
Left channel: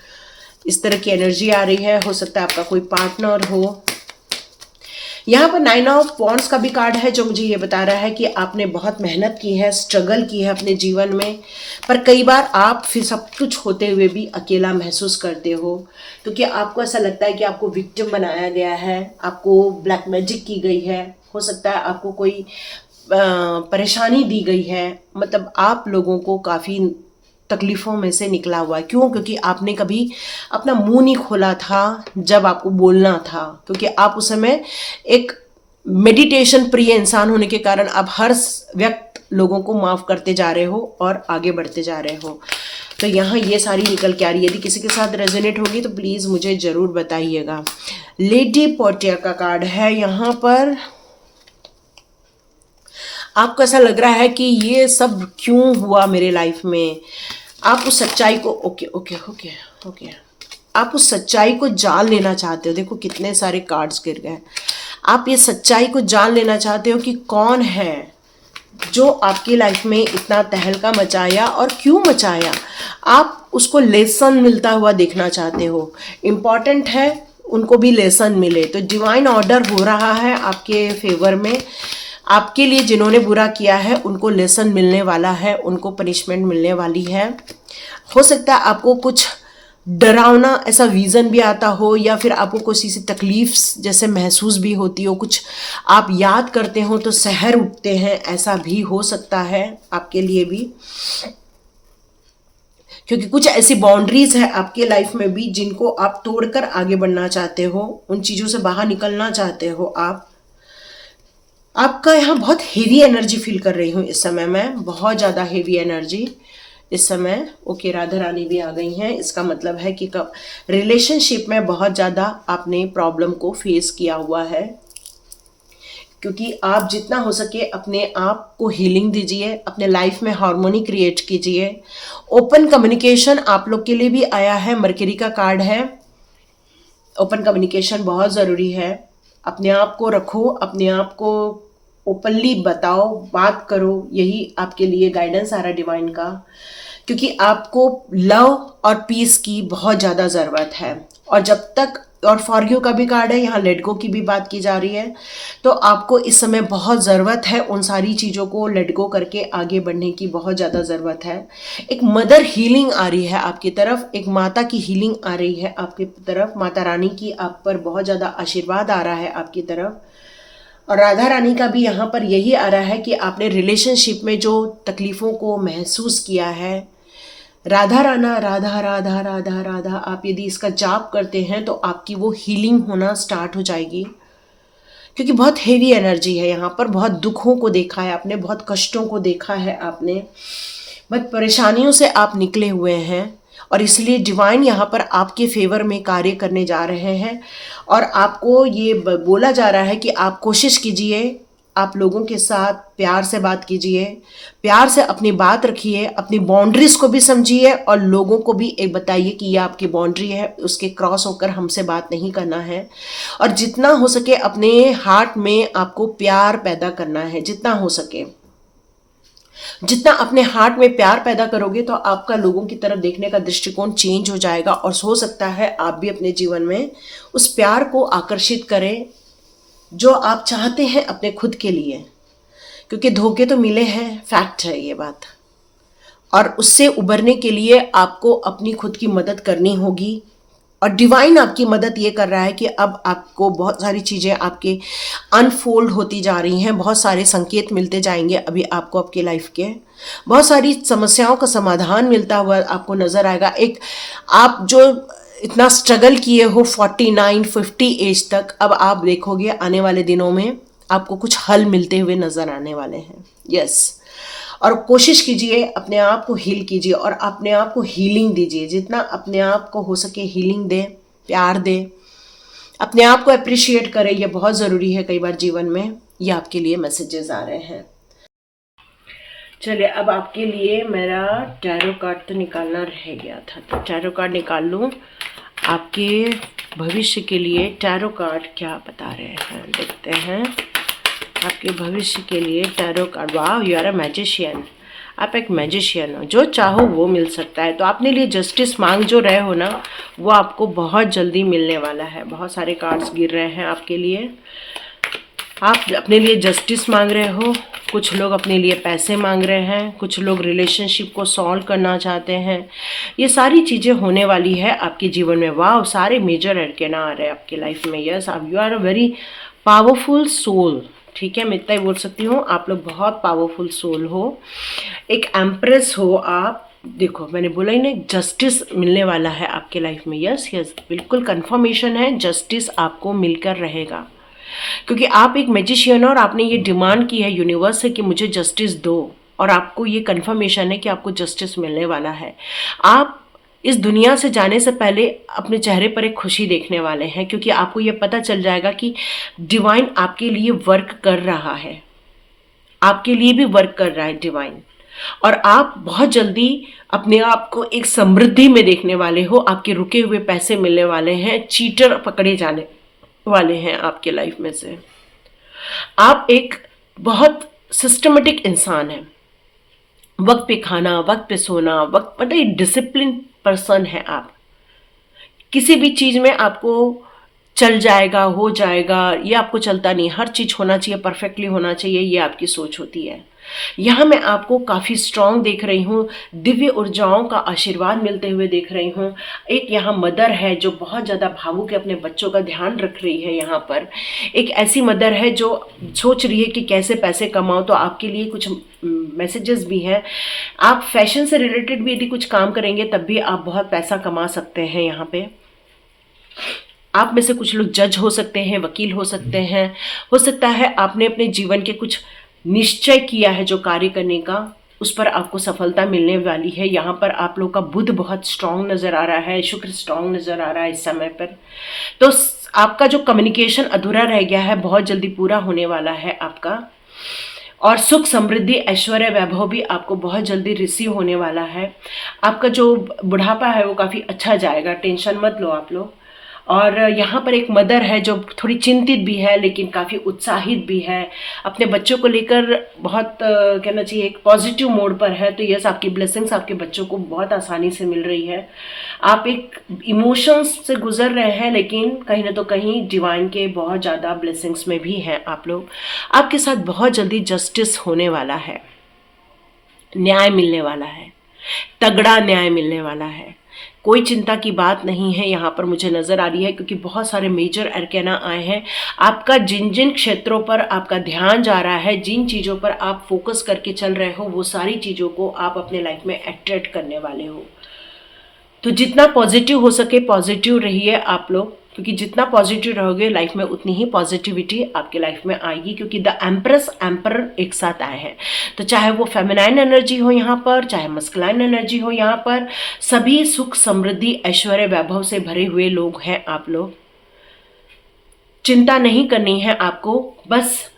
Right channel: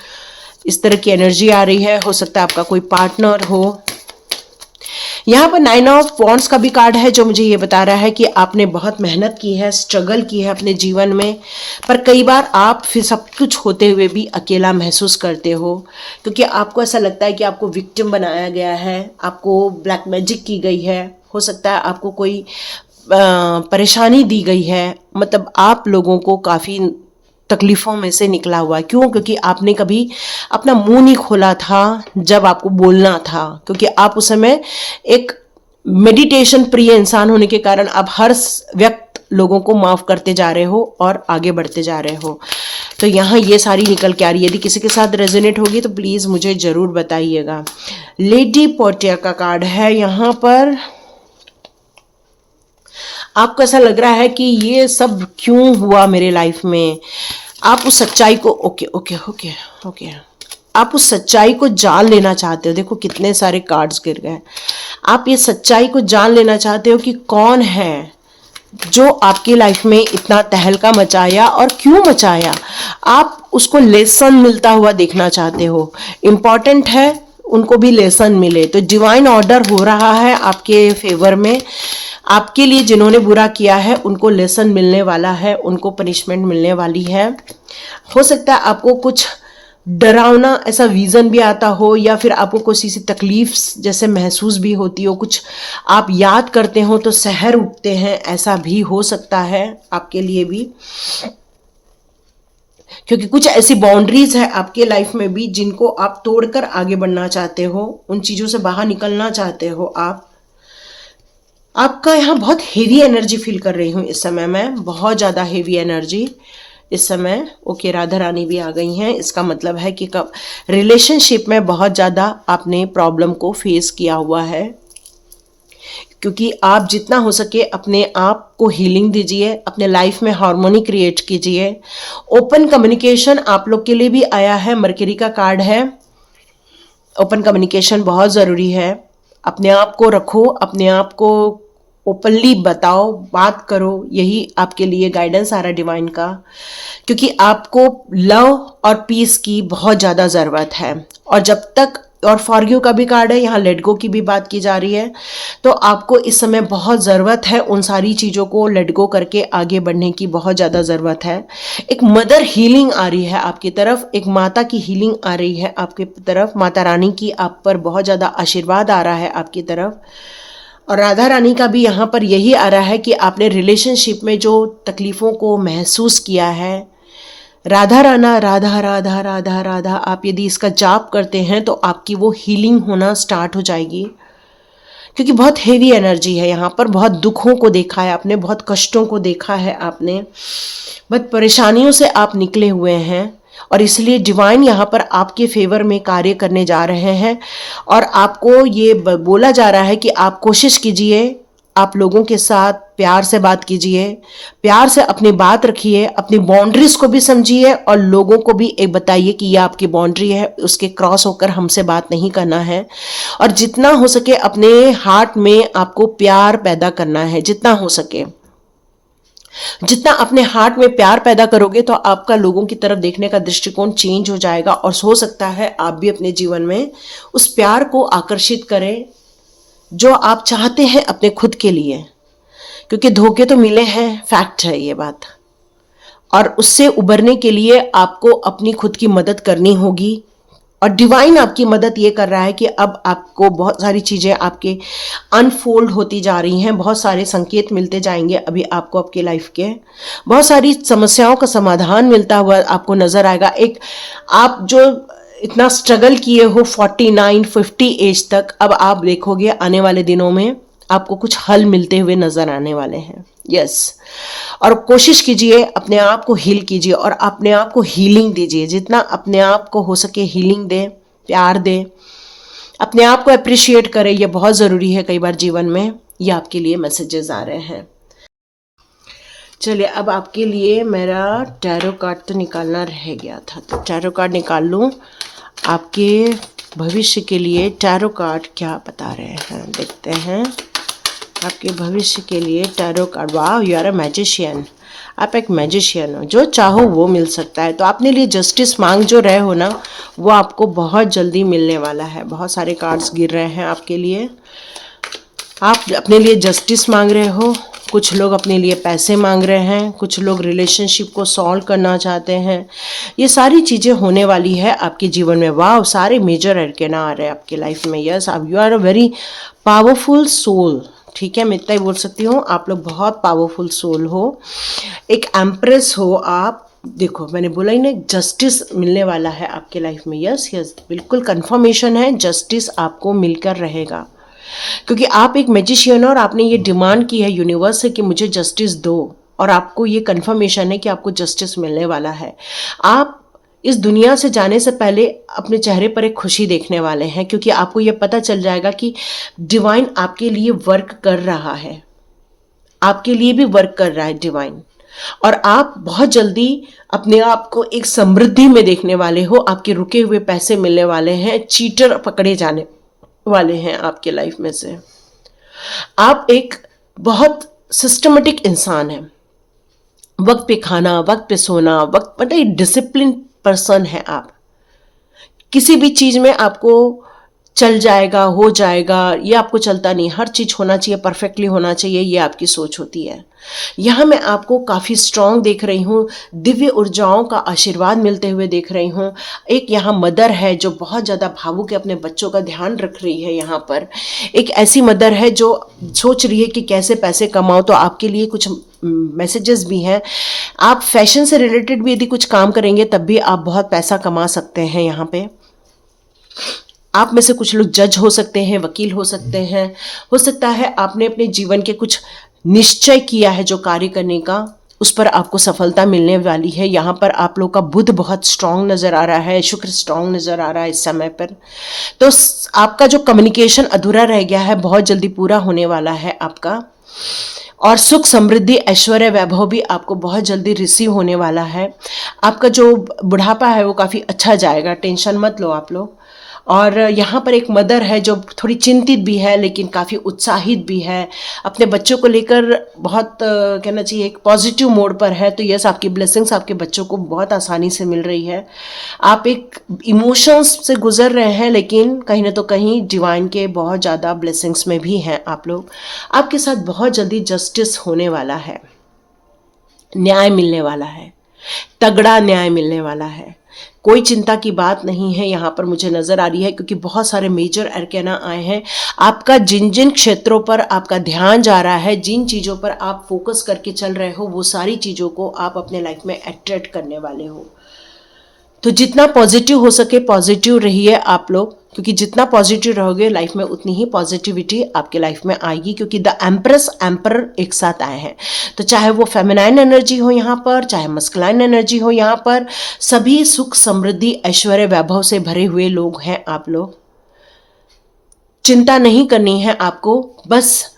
इस तरह की एनर्जी आ रही है। हो सकता है आपका कोई पार्टनर हो। यहाँ पर 9 ऑफ वॉन्ड्स का भी कार्ड है, जो मुझे ये बता रहा है कि आपने बहुत मेहनत की है, स्ट्रगल की है अपने जीवन में, पर कई बार आप फिर सब कुछ होते हुए भी अकेला महसूस करते हो, क्योंकि आपको ऐसा लगता है कि आपको विक्टिम बनाया गया है, आपको ब्लैक मैजिक की गई है। हो सकता है आपको कोई परेशानी दी गई है, मतलब आप लोगों को काफ़ी तकलीफ़ों में से निकला हुआ है। क्यों? क्योंकि आपने कभी अपना मुंह नहीं खोला था जब आपको बोलना था, क्योंकि आप उस समय एक मेडिटेशन प्रिय इंसान होने के कारण आप हर व्यक्त लोगों को माफ़ करते जा रहे हो और आगे बढ़ते जा रहे हो। तो यहाँ ये सारी निकल के आ रही है। यदि किसी के साथ रेजोनेट होगी तो प्लीज़ मुझे ज़रूर बताइएगा। लेडी पोर्टिया का कार्ड है यहाँ पर। आपको ऐसा लग रहा है कि ये सब क्यों हुआ मेरे लाइफ में। आप उस सच्चाई को ओके ओके ओके ओके आप उस सच्चाई को जान लेना चाहते हो। देखो कितने सारे कार्ड्स गिर गए। आप ये सच्चाई को जान लेना चाहते हो कि कौन है जो आपकी लाइफ में इतना तहलका मचाया और क्यों मचाया। आप उसको लेसन मिलता हुआ देखना चाहते हो। इम्पॉर्टेंट है उनको भी लेसन मिले। तो डिवाइन ऑर्डर हो रहा है आपके फेवर में। आपके लिए जिन्होंने बुरा किया है उनको लेसन मिलने वाला है, उनको पनिशमेंट मिलने वाली है। हो सकता है आपको कुछ डरावना ऐसा विज़न भी आता हो, या फिर आपको किसी सी तकलीफ जैसे महसूस भी होती हो, कुछ आप याद करते हो तो सहर उठते हैं, ऐसा भी हो सकता है आपके लिए भी। क्योंकि कुछ ऐसी बाउंड्रीज है आपके लाइफ में भी जिनको आप तोड़कर आगे बढ़ना चाहते हो, उन चीज़ों से बाहर निकलना चाहते हो आप। आपका यहाँ बहुत हेवी एनर्जी फील कर रही हूँ इस समय मैं, बहुत ज़्यादा हेवी एनर्जी इस समय। ओके, राधा रानी भी आ गई हैं। इसका मतलब है कि कब रिलेशनशिप में बहुत ज़्यादा आपने प्रॉब्लम को फेस किया हुआ है। क्योंकि आप जितना हो सके अपने आप को हीलिंग दीजिए, अपने लाइफ में हार्मोनी क्रिएट कीजिए। ओपन कम्युनिकेशन आप लोग के लिए भी आया है, मरकरी का कार्ड है। ओपन कम्युनिकेशन बहुत ज़रूरी है। अपने आप को रखो, अपने आप को ओपनली बताओ, बात करो। यही आपके लिए गाइडेंस आ रहा है डिवाइन का। क्योंकि आपको लव और पीस की बहुत ज़्यादा ज़रूरत है। और जब तक, और फॉरगिव का भी कार्ड है यहाँ, लेट गो की भी बात की जा रही है। तो आपको इस समय बहुत ज़रूरत है उन सारी चीज़ों को लेट गो करके आगे बढ़ने की, बहुत ज़्यादा ज़रूरत है। एक मदर हीलिंग आ रही है आपकी तरफ, एक माता की हीलिंग आ रही है आपकी तरफ। माता रानी की आप पर बहुत ज़्यादा आशीर्वाद आ रहा है आपकी तरफ। और राधा रानी का भी यहाँ पर यही आ रहा है कि आपने रिलेशनशिप में जो तकलीफ़ों को महसूस किया है, राधा राना, राधा राधा राधा राधा, आप यदि इसका जाप करते हैं तो आपकी वो हीलिंग होना स्टार्ट हो जाएगी। क्योंकि बहुत हेवी एनर्जी है यहाँ पर। बहुत दुखों को देखा है आपने, बहुत कष्टों को देखा है आपने, बहुत परेशानियों से आप निकले हुए हैं। और इसलिए डिवाइन यहाँ पर आपके फेवर में कार्य करने जा रहे हैं। और आपको ये बोला जा रहा है कि आप कोशिश कीजिए, आप लोगों के साथ प्यार से बात कीजिए, प्यार से अपनी बात रखिए, अपनी बाउंड्रीज को भी समझिए और लोगों को भी एक बताइए कि ये आपकी बाउंड्री है, उसके क्रॉस होकर हमसे बात नहीं करना है। और जितना हो सके अपने हार्ट में आपको प्यार पैदा करना है, जितना हो सके। जितना अपने हार्ट में प्यार पैदा करोगे तो आपका लोगों की तरफ देखने का दृष्टिकोण चेंज हो जाएगा। और हो सकता है आप भी अपने जीवन में उस प्यार को आकर्षित करें जो आप चाहते हैं अपने खुद के लिए। क्योंकि धोखे तो मिले हैं, फैक्ट है ये बात। और उससे उबरने के लिए आपको अपनी खुद की मदद करनी होगी। और डिवाइन आपकी मदद ये कर रहा है कि अब आपको बहुत सारी चीज़ें आपके अनफोल्ड होती जा रही हैं, बहुत सारे संकेत मिलते जाएंगे अभी आपको आपके लाइफ के। बहुत सारी समस्याओं का समाधान मिलता हुआ आपको नज़र आएगा। एक आप जो इतना स्ट्रगल किए हो 49-50 एज तक, अब आप देखोगे आने वाले दिनों में आपको कुछ हल मिलते हुए नज़र आने वाले हैं। यस। और कोशिश कीजिए, अपने आप को हील कीजिए और अपने आप को हीलिंग दीजिए। जितना अपने आप को हो सके हीलिंग दें, प्यार दें, अपने आप को अप्रिशिएट करें। यह बहुत ज़रूरी है कई बार जीवन में। ये आपके लिए मैसेजेस आ रहे हैं। चलिए, अब आपके लिए मेरा टैरो कार्ड तो निकालना रह गया था, तो टैरो कार्ड निकाल लूँ। आपके भविष्य के लिए टैरो कार्ड क्या बता रहे हैं, देखते हैं। आपके भविष्य के लिए टैरो कार्ड। वाह, यू आर अ मैजिशियन। आप एक मैजिशियन हो, जो चाहो वो मिल सकता है। तो अपने लिए जस्टिस मांग जो रहे हो ना, वो आपको बहुत जल्दी मिलने वाला है। बहुत सारे कार्ड्स गिर रहे हैं आपके लिए। आप अपने लिए जस्टिस मांग रहे हो, कुछ लोग अपने लिए पैसे मांग रहे हैं, कुछ लोग रिलेशनशिप को सॉल्व करना चाहते हैं। ये सारी चीज़ें होने वाली है आपके जीवन में। वाह, सारे मेजर अरकाना आ रहे हैं आपके लाइफ में। यस, आप you are a very powerful soul. ठीक है, मैं इतना ही बोल सकती हूँ, आप लोग बहुत पावरफुल सोल हो, एक एम्प्रेस हो आप। देखो, मैंने बोला ही ना, जस्टिस मिलने वाला है आपके लाइफ में। यस यस, बिल्कुल कंफर्मेशन है, जस्टिस आपको मिलकर रहेगा। क्योंकि आप एक मैजिशियन हो और आपने ये डिमांड की है यूनिवर्स से कि मुझे जस्टिस दो। और आपको ये कन्फर्मेशन है कि आपको जस्टिस मिलने वाला है। आप इस दुनिया से जाने से पहले अपने चेहरे पर एक खुशी देखने वाले हैं, क्योंकि आपको ये पता चल जाएगा कि डिवाइन आपके लिए वर्क कर रहा है, आपके लिए भी वर्क कर रहा है डिवाइन। और आप बहुत जल्दी अपने आप को एक समृद्धि में देखने वाले हो, आपके रुके हुए पैसे मिलने वाले हैं, चीटर पकड़े जाने वाले हैं आपके लाइफ में से। आप एक बहुत सिस्टमेटिक इंसान हैं, वक्त पे खाना, वक्त पे सोना, वक्त मतलब एक डिसिप्लिन पर्सन है आप। किसी भी चीज में आपको चल जाएगा, हो जाएगा, ये आपको चलता नहीं, हर चीज होना चाहिए, परफेक्टली होना चाहिए, ये आपकी सोच होती है। यहाँ मैं आपको काफ़ी स्ट्रांग देख रही हूँ, दिव्य ऊर्जाओं का आशीर्वाद मिलते हुए देख रही हूँ। एक यहाँ मदर है जो बहुत ज़्यादा भावुक है, अपने बच्चों का ध्यान रख रही है। यहाँ पर एक ऐसी मदर है जो सोच रही है कि कैसे पैसे कमाओ, तो आपके लिए कुछ मैसेजेस भी हैं। आप फैशन से रिलेटेड भी यदि कुछ काम करेंगे तब भी आप बहुत पैसा कमा सकते हैं। यहाँ पे आप में से कुछ लोग जज हो सकते हैं, वकील हो सकते हैं, हो सकता है आपने अपने जीवन के कुछ निश्चय किया है जो कार्य करने का, उस पर आपको सफलता मिलने वाली है। यहाँ पर आप लोग का बुध बहुत स्ट्रांग नज़र आ रहा है, शुक्र स्ट्रांग नज़र आ रहा है इस समय पर। तो आपका जो कम्युनिकेशन अधूरा रह गया है बहुत जल्दी पूरा होने वाला है आपका। और सुख समृद्धि ऐश्वर्य वैभव भी आपको बहुत जल्दी रिसीव होने वाला है। आपका जो बुढ़ापा है वो काफ़ी अच्छा जाएगा, टेंशन मत लो आप लोग। और यहाँ पर एक मदर है जो थोड़ी चिंतित भी है लेकिन काफ़ी उत्साहित भी है, अपने बच्चों को लेकर बहुत कहना चाहिए एक पॉजिटिव मोड पर है। तो यस, आपकी ब्लेसिंग्स आपके बच्चों को बहुत आसानी से मिल रही है। आप एक इमोशंस से गुजर रहे हैं लेकिन कहीं ना तो कहीं डिवाइन के बहुत ज़्यादा ब्लेसिंग्स में भी हैं आप लोग। आपके साथ बहुत जल्दी जस्टिस होने वाला है, न्याय मिलने वाला है, तगड़ा न्याय मिलने वाला है। कोई चिंता की बात नहीं है यहाँ पर मुझे नज़र आ रही है, क्योंकि बहुत सारे मेजर अरकेना आए हैं। आपका जिन जिन क्षेत्रों पर आपका ध्यान जा रहा है, जिन चीज़ों पर आप फोकस करके चल रहे हो, वो सारी चीज़ों को आप अपने लाइफ में अट्रैक्ट करने वाले हो। तो जितना पॉजिटिव हो सके पॉजिटिव रहिए आप लोग, क्योंकि जितना पॉजिटिव रहोगे लाइफ में उतनी ही पॉजिटिविटी आपके लाइफ में आएगी। क्योंकि द एम्प्रेस एम्पर एक साथ आए हैं, तो चाहे वो फेमिनाइन एनर्जी हो यहाँ पर, चाहे मस्कुलाइन एनर्जी हो यहाँ पर, सभी सुख समृद्धि ऐश्वर्य वैभव से भरे हुए लोग हैं आप लोग। चिंता नहीं करनी है आपको, बस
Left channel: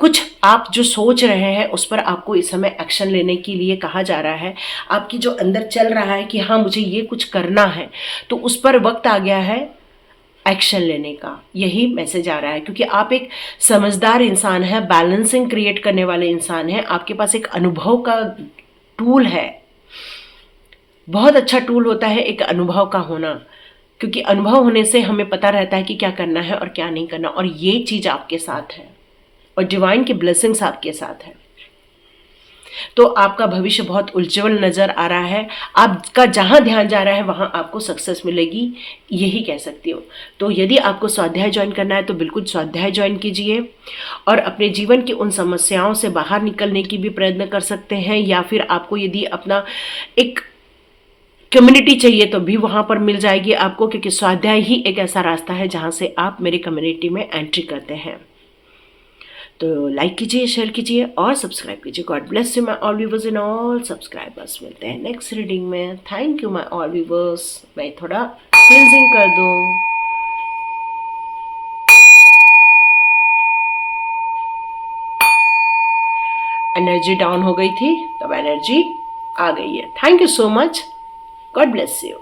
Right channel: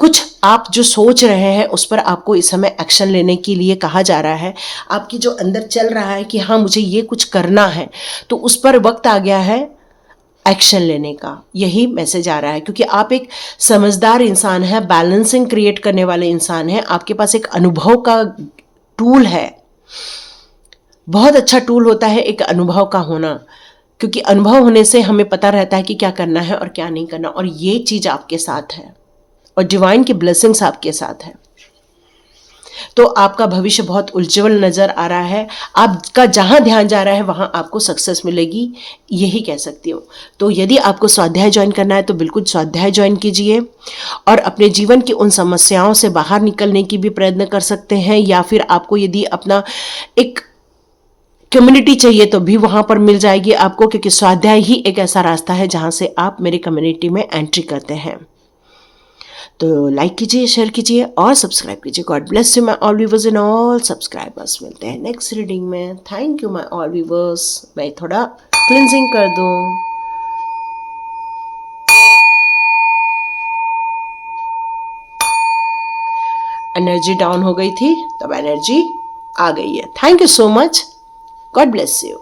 कुछ आप जो सोच रहे हैं उस पर आपको इस समय एक्शन लेने के लिए कहा जा रहा है। आपकी जो अंदर चल रहा है कि हाँ मुझे ये कुछ करना है, तो उस पर वक्त आ गया है एक्शन लेने का, यही मैसेज आ रहा है। क्योंकि आप एक समझदार इंसान हैं, बैलेंसिंग क्रिएट करने वाले इंसान हैं, आपके पास एक अनुभव का टूल है। बहुत अच्छा टूल होता है एक अनुभव का होना, क्योंकि अनुभव होने से हमें पता रहता है कि क्या करना है और क्या नहीं करना, और ये चीज़ आपके साथ है और डिवाइन की ब्लेसिंग्स आपके साथ है। तो आपका भविष्य बहुत उज्जवल नज़र आ रहा है। आपका जहाँ ध्यान जा रहा है वहाँ आपको सक्सेस मिलेगी, यही कह सकती हूँ। तो यदि आपको स्वाध्याय ज्वाइन करना है तो बिल्कुल स्वाध्याय ज्वाइन कीजिए, और अपने जीवन की उन समस्याओं से बाहर निकलने की भी प्रयत्न कर सकते हैं। या फिर आपको यदि अपना एक कम्युनिटी चाहिए तो भी वहाँ पर मिल जाएगी आपको, क्योंकि स्वाध्याय ही एक ऐसा रास्ता है जहाँ से आप मेरी कम्युनिटी में एंट्री करते हैं। तो लाइक कीजिए, शेयर कीजिए और सब्सक्राइब कीजिए। God bless you my all viewers and all subscribers. मिलते हैं नेक्स्ट रीडिंग में। Thank you my all viewers. मैं थोड़ा क्लिनजिंग कर दूँ। एनर्जी डाउन हो गई थी, तब एनर्जी आ गई है। Thank you so much. God bless you.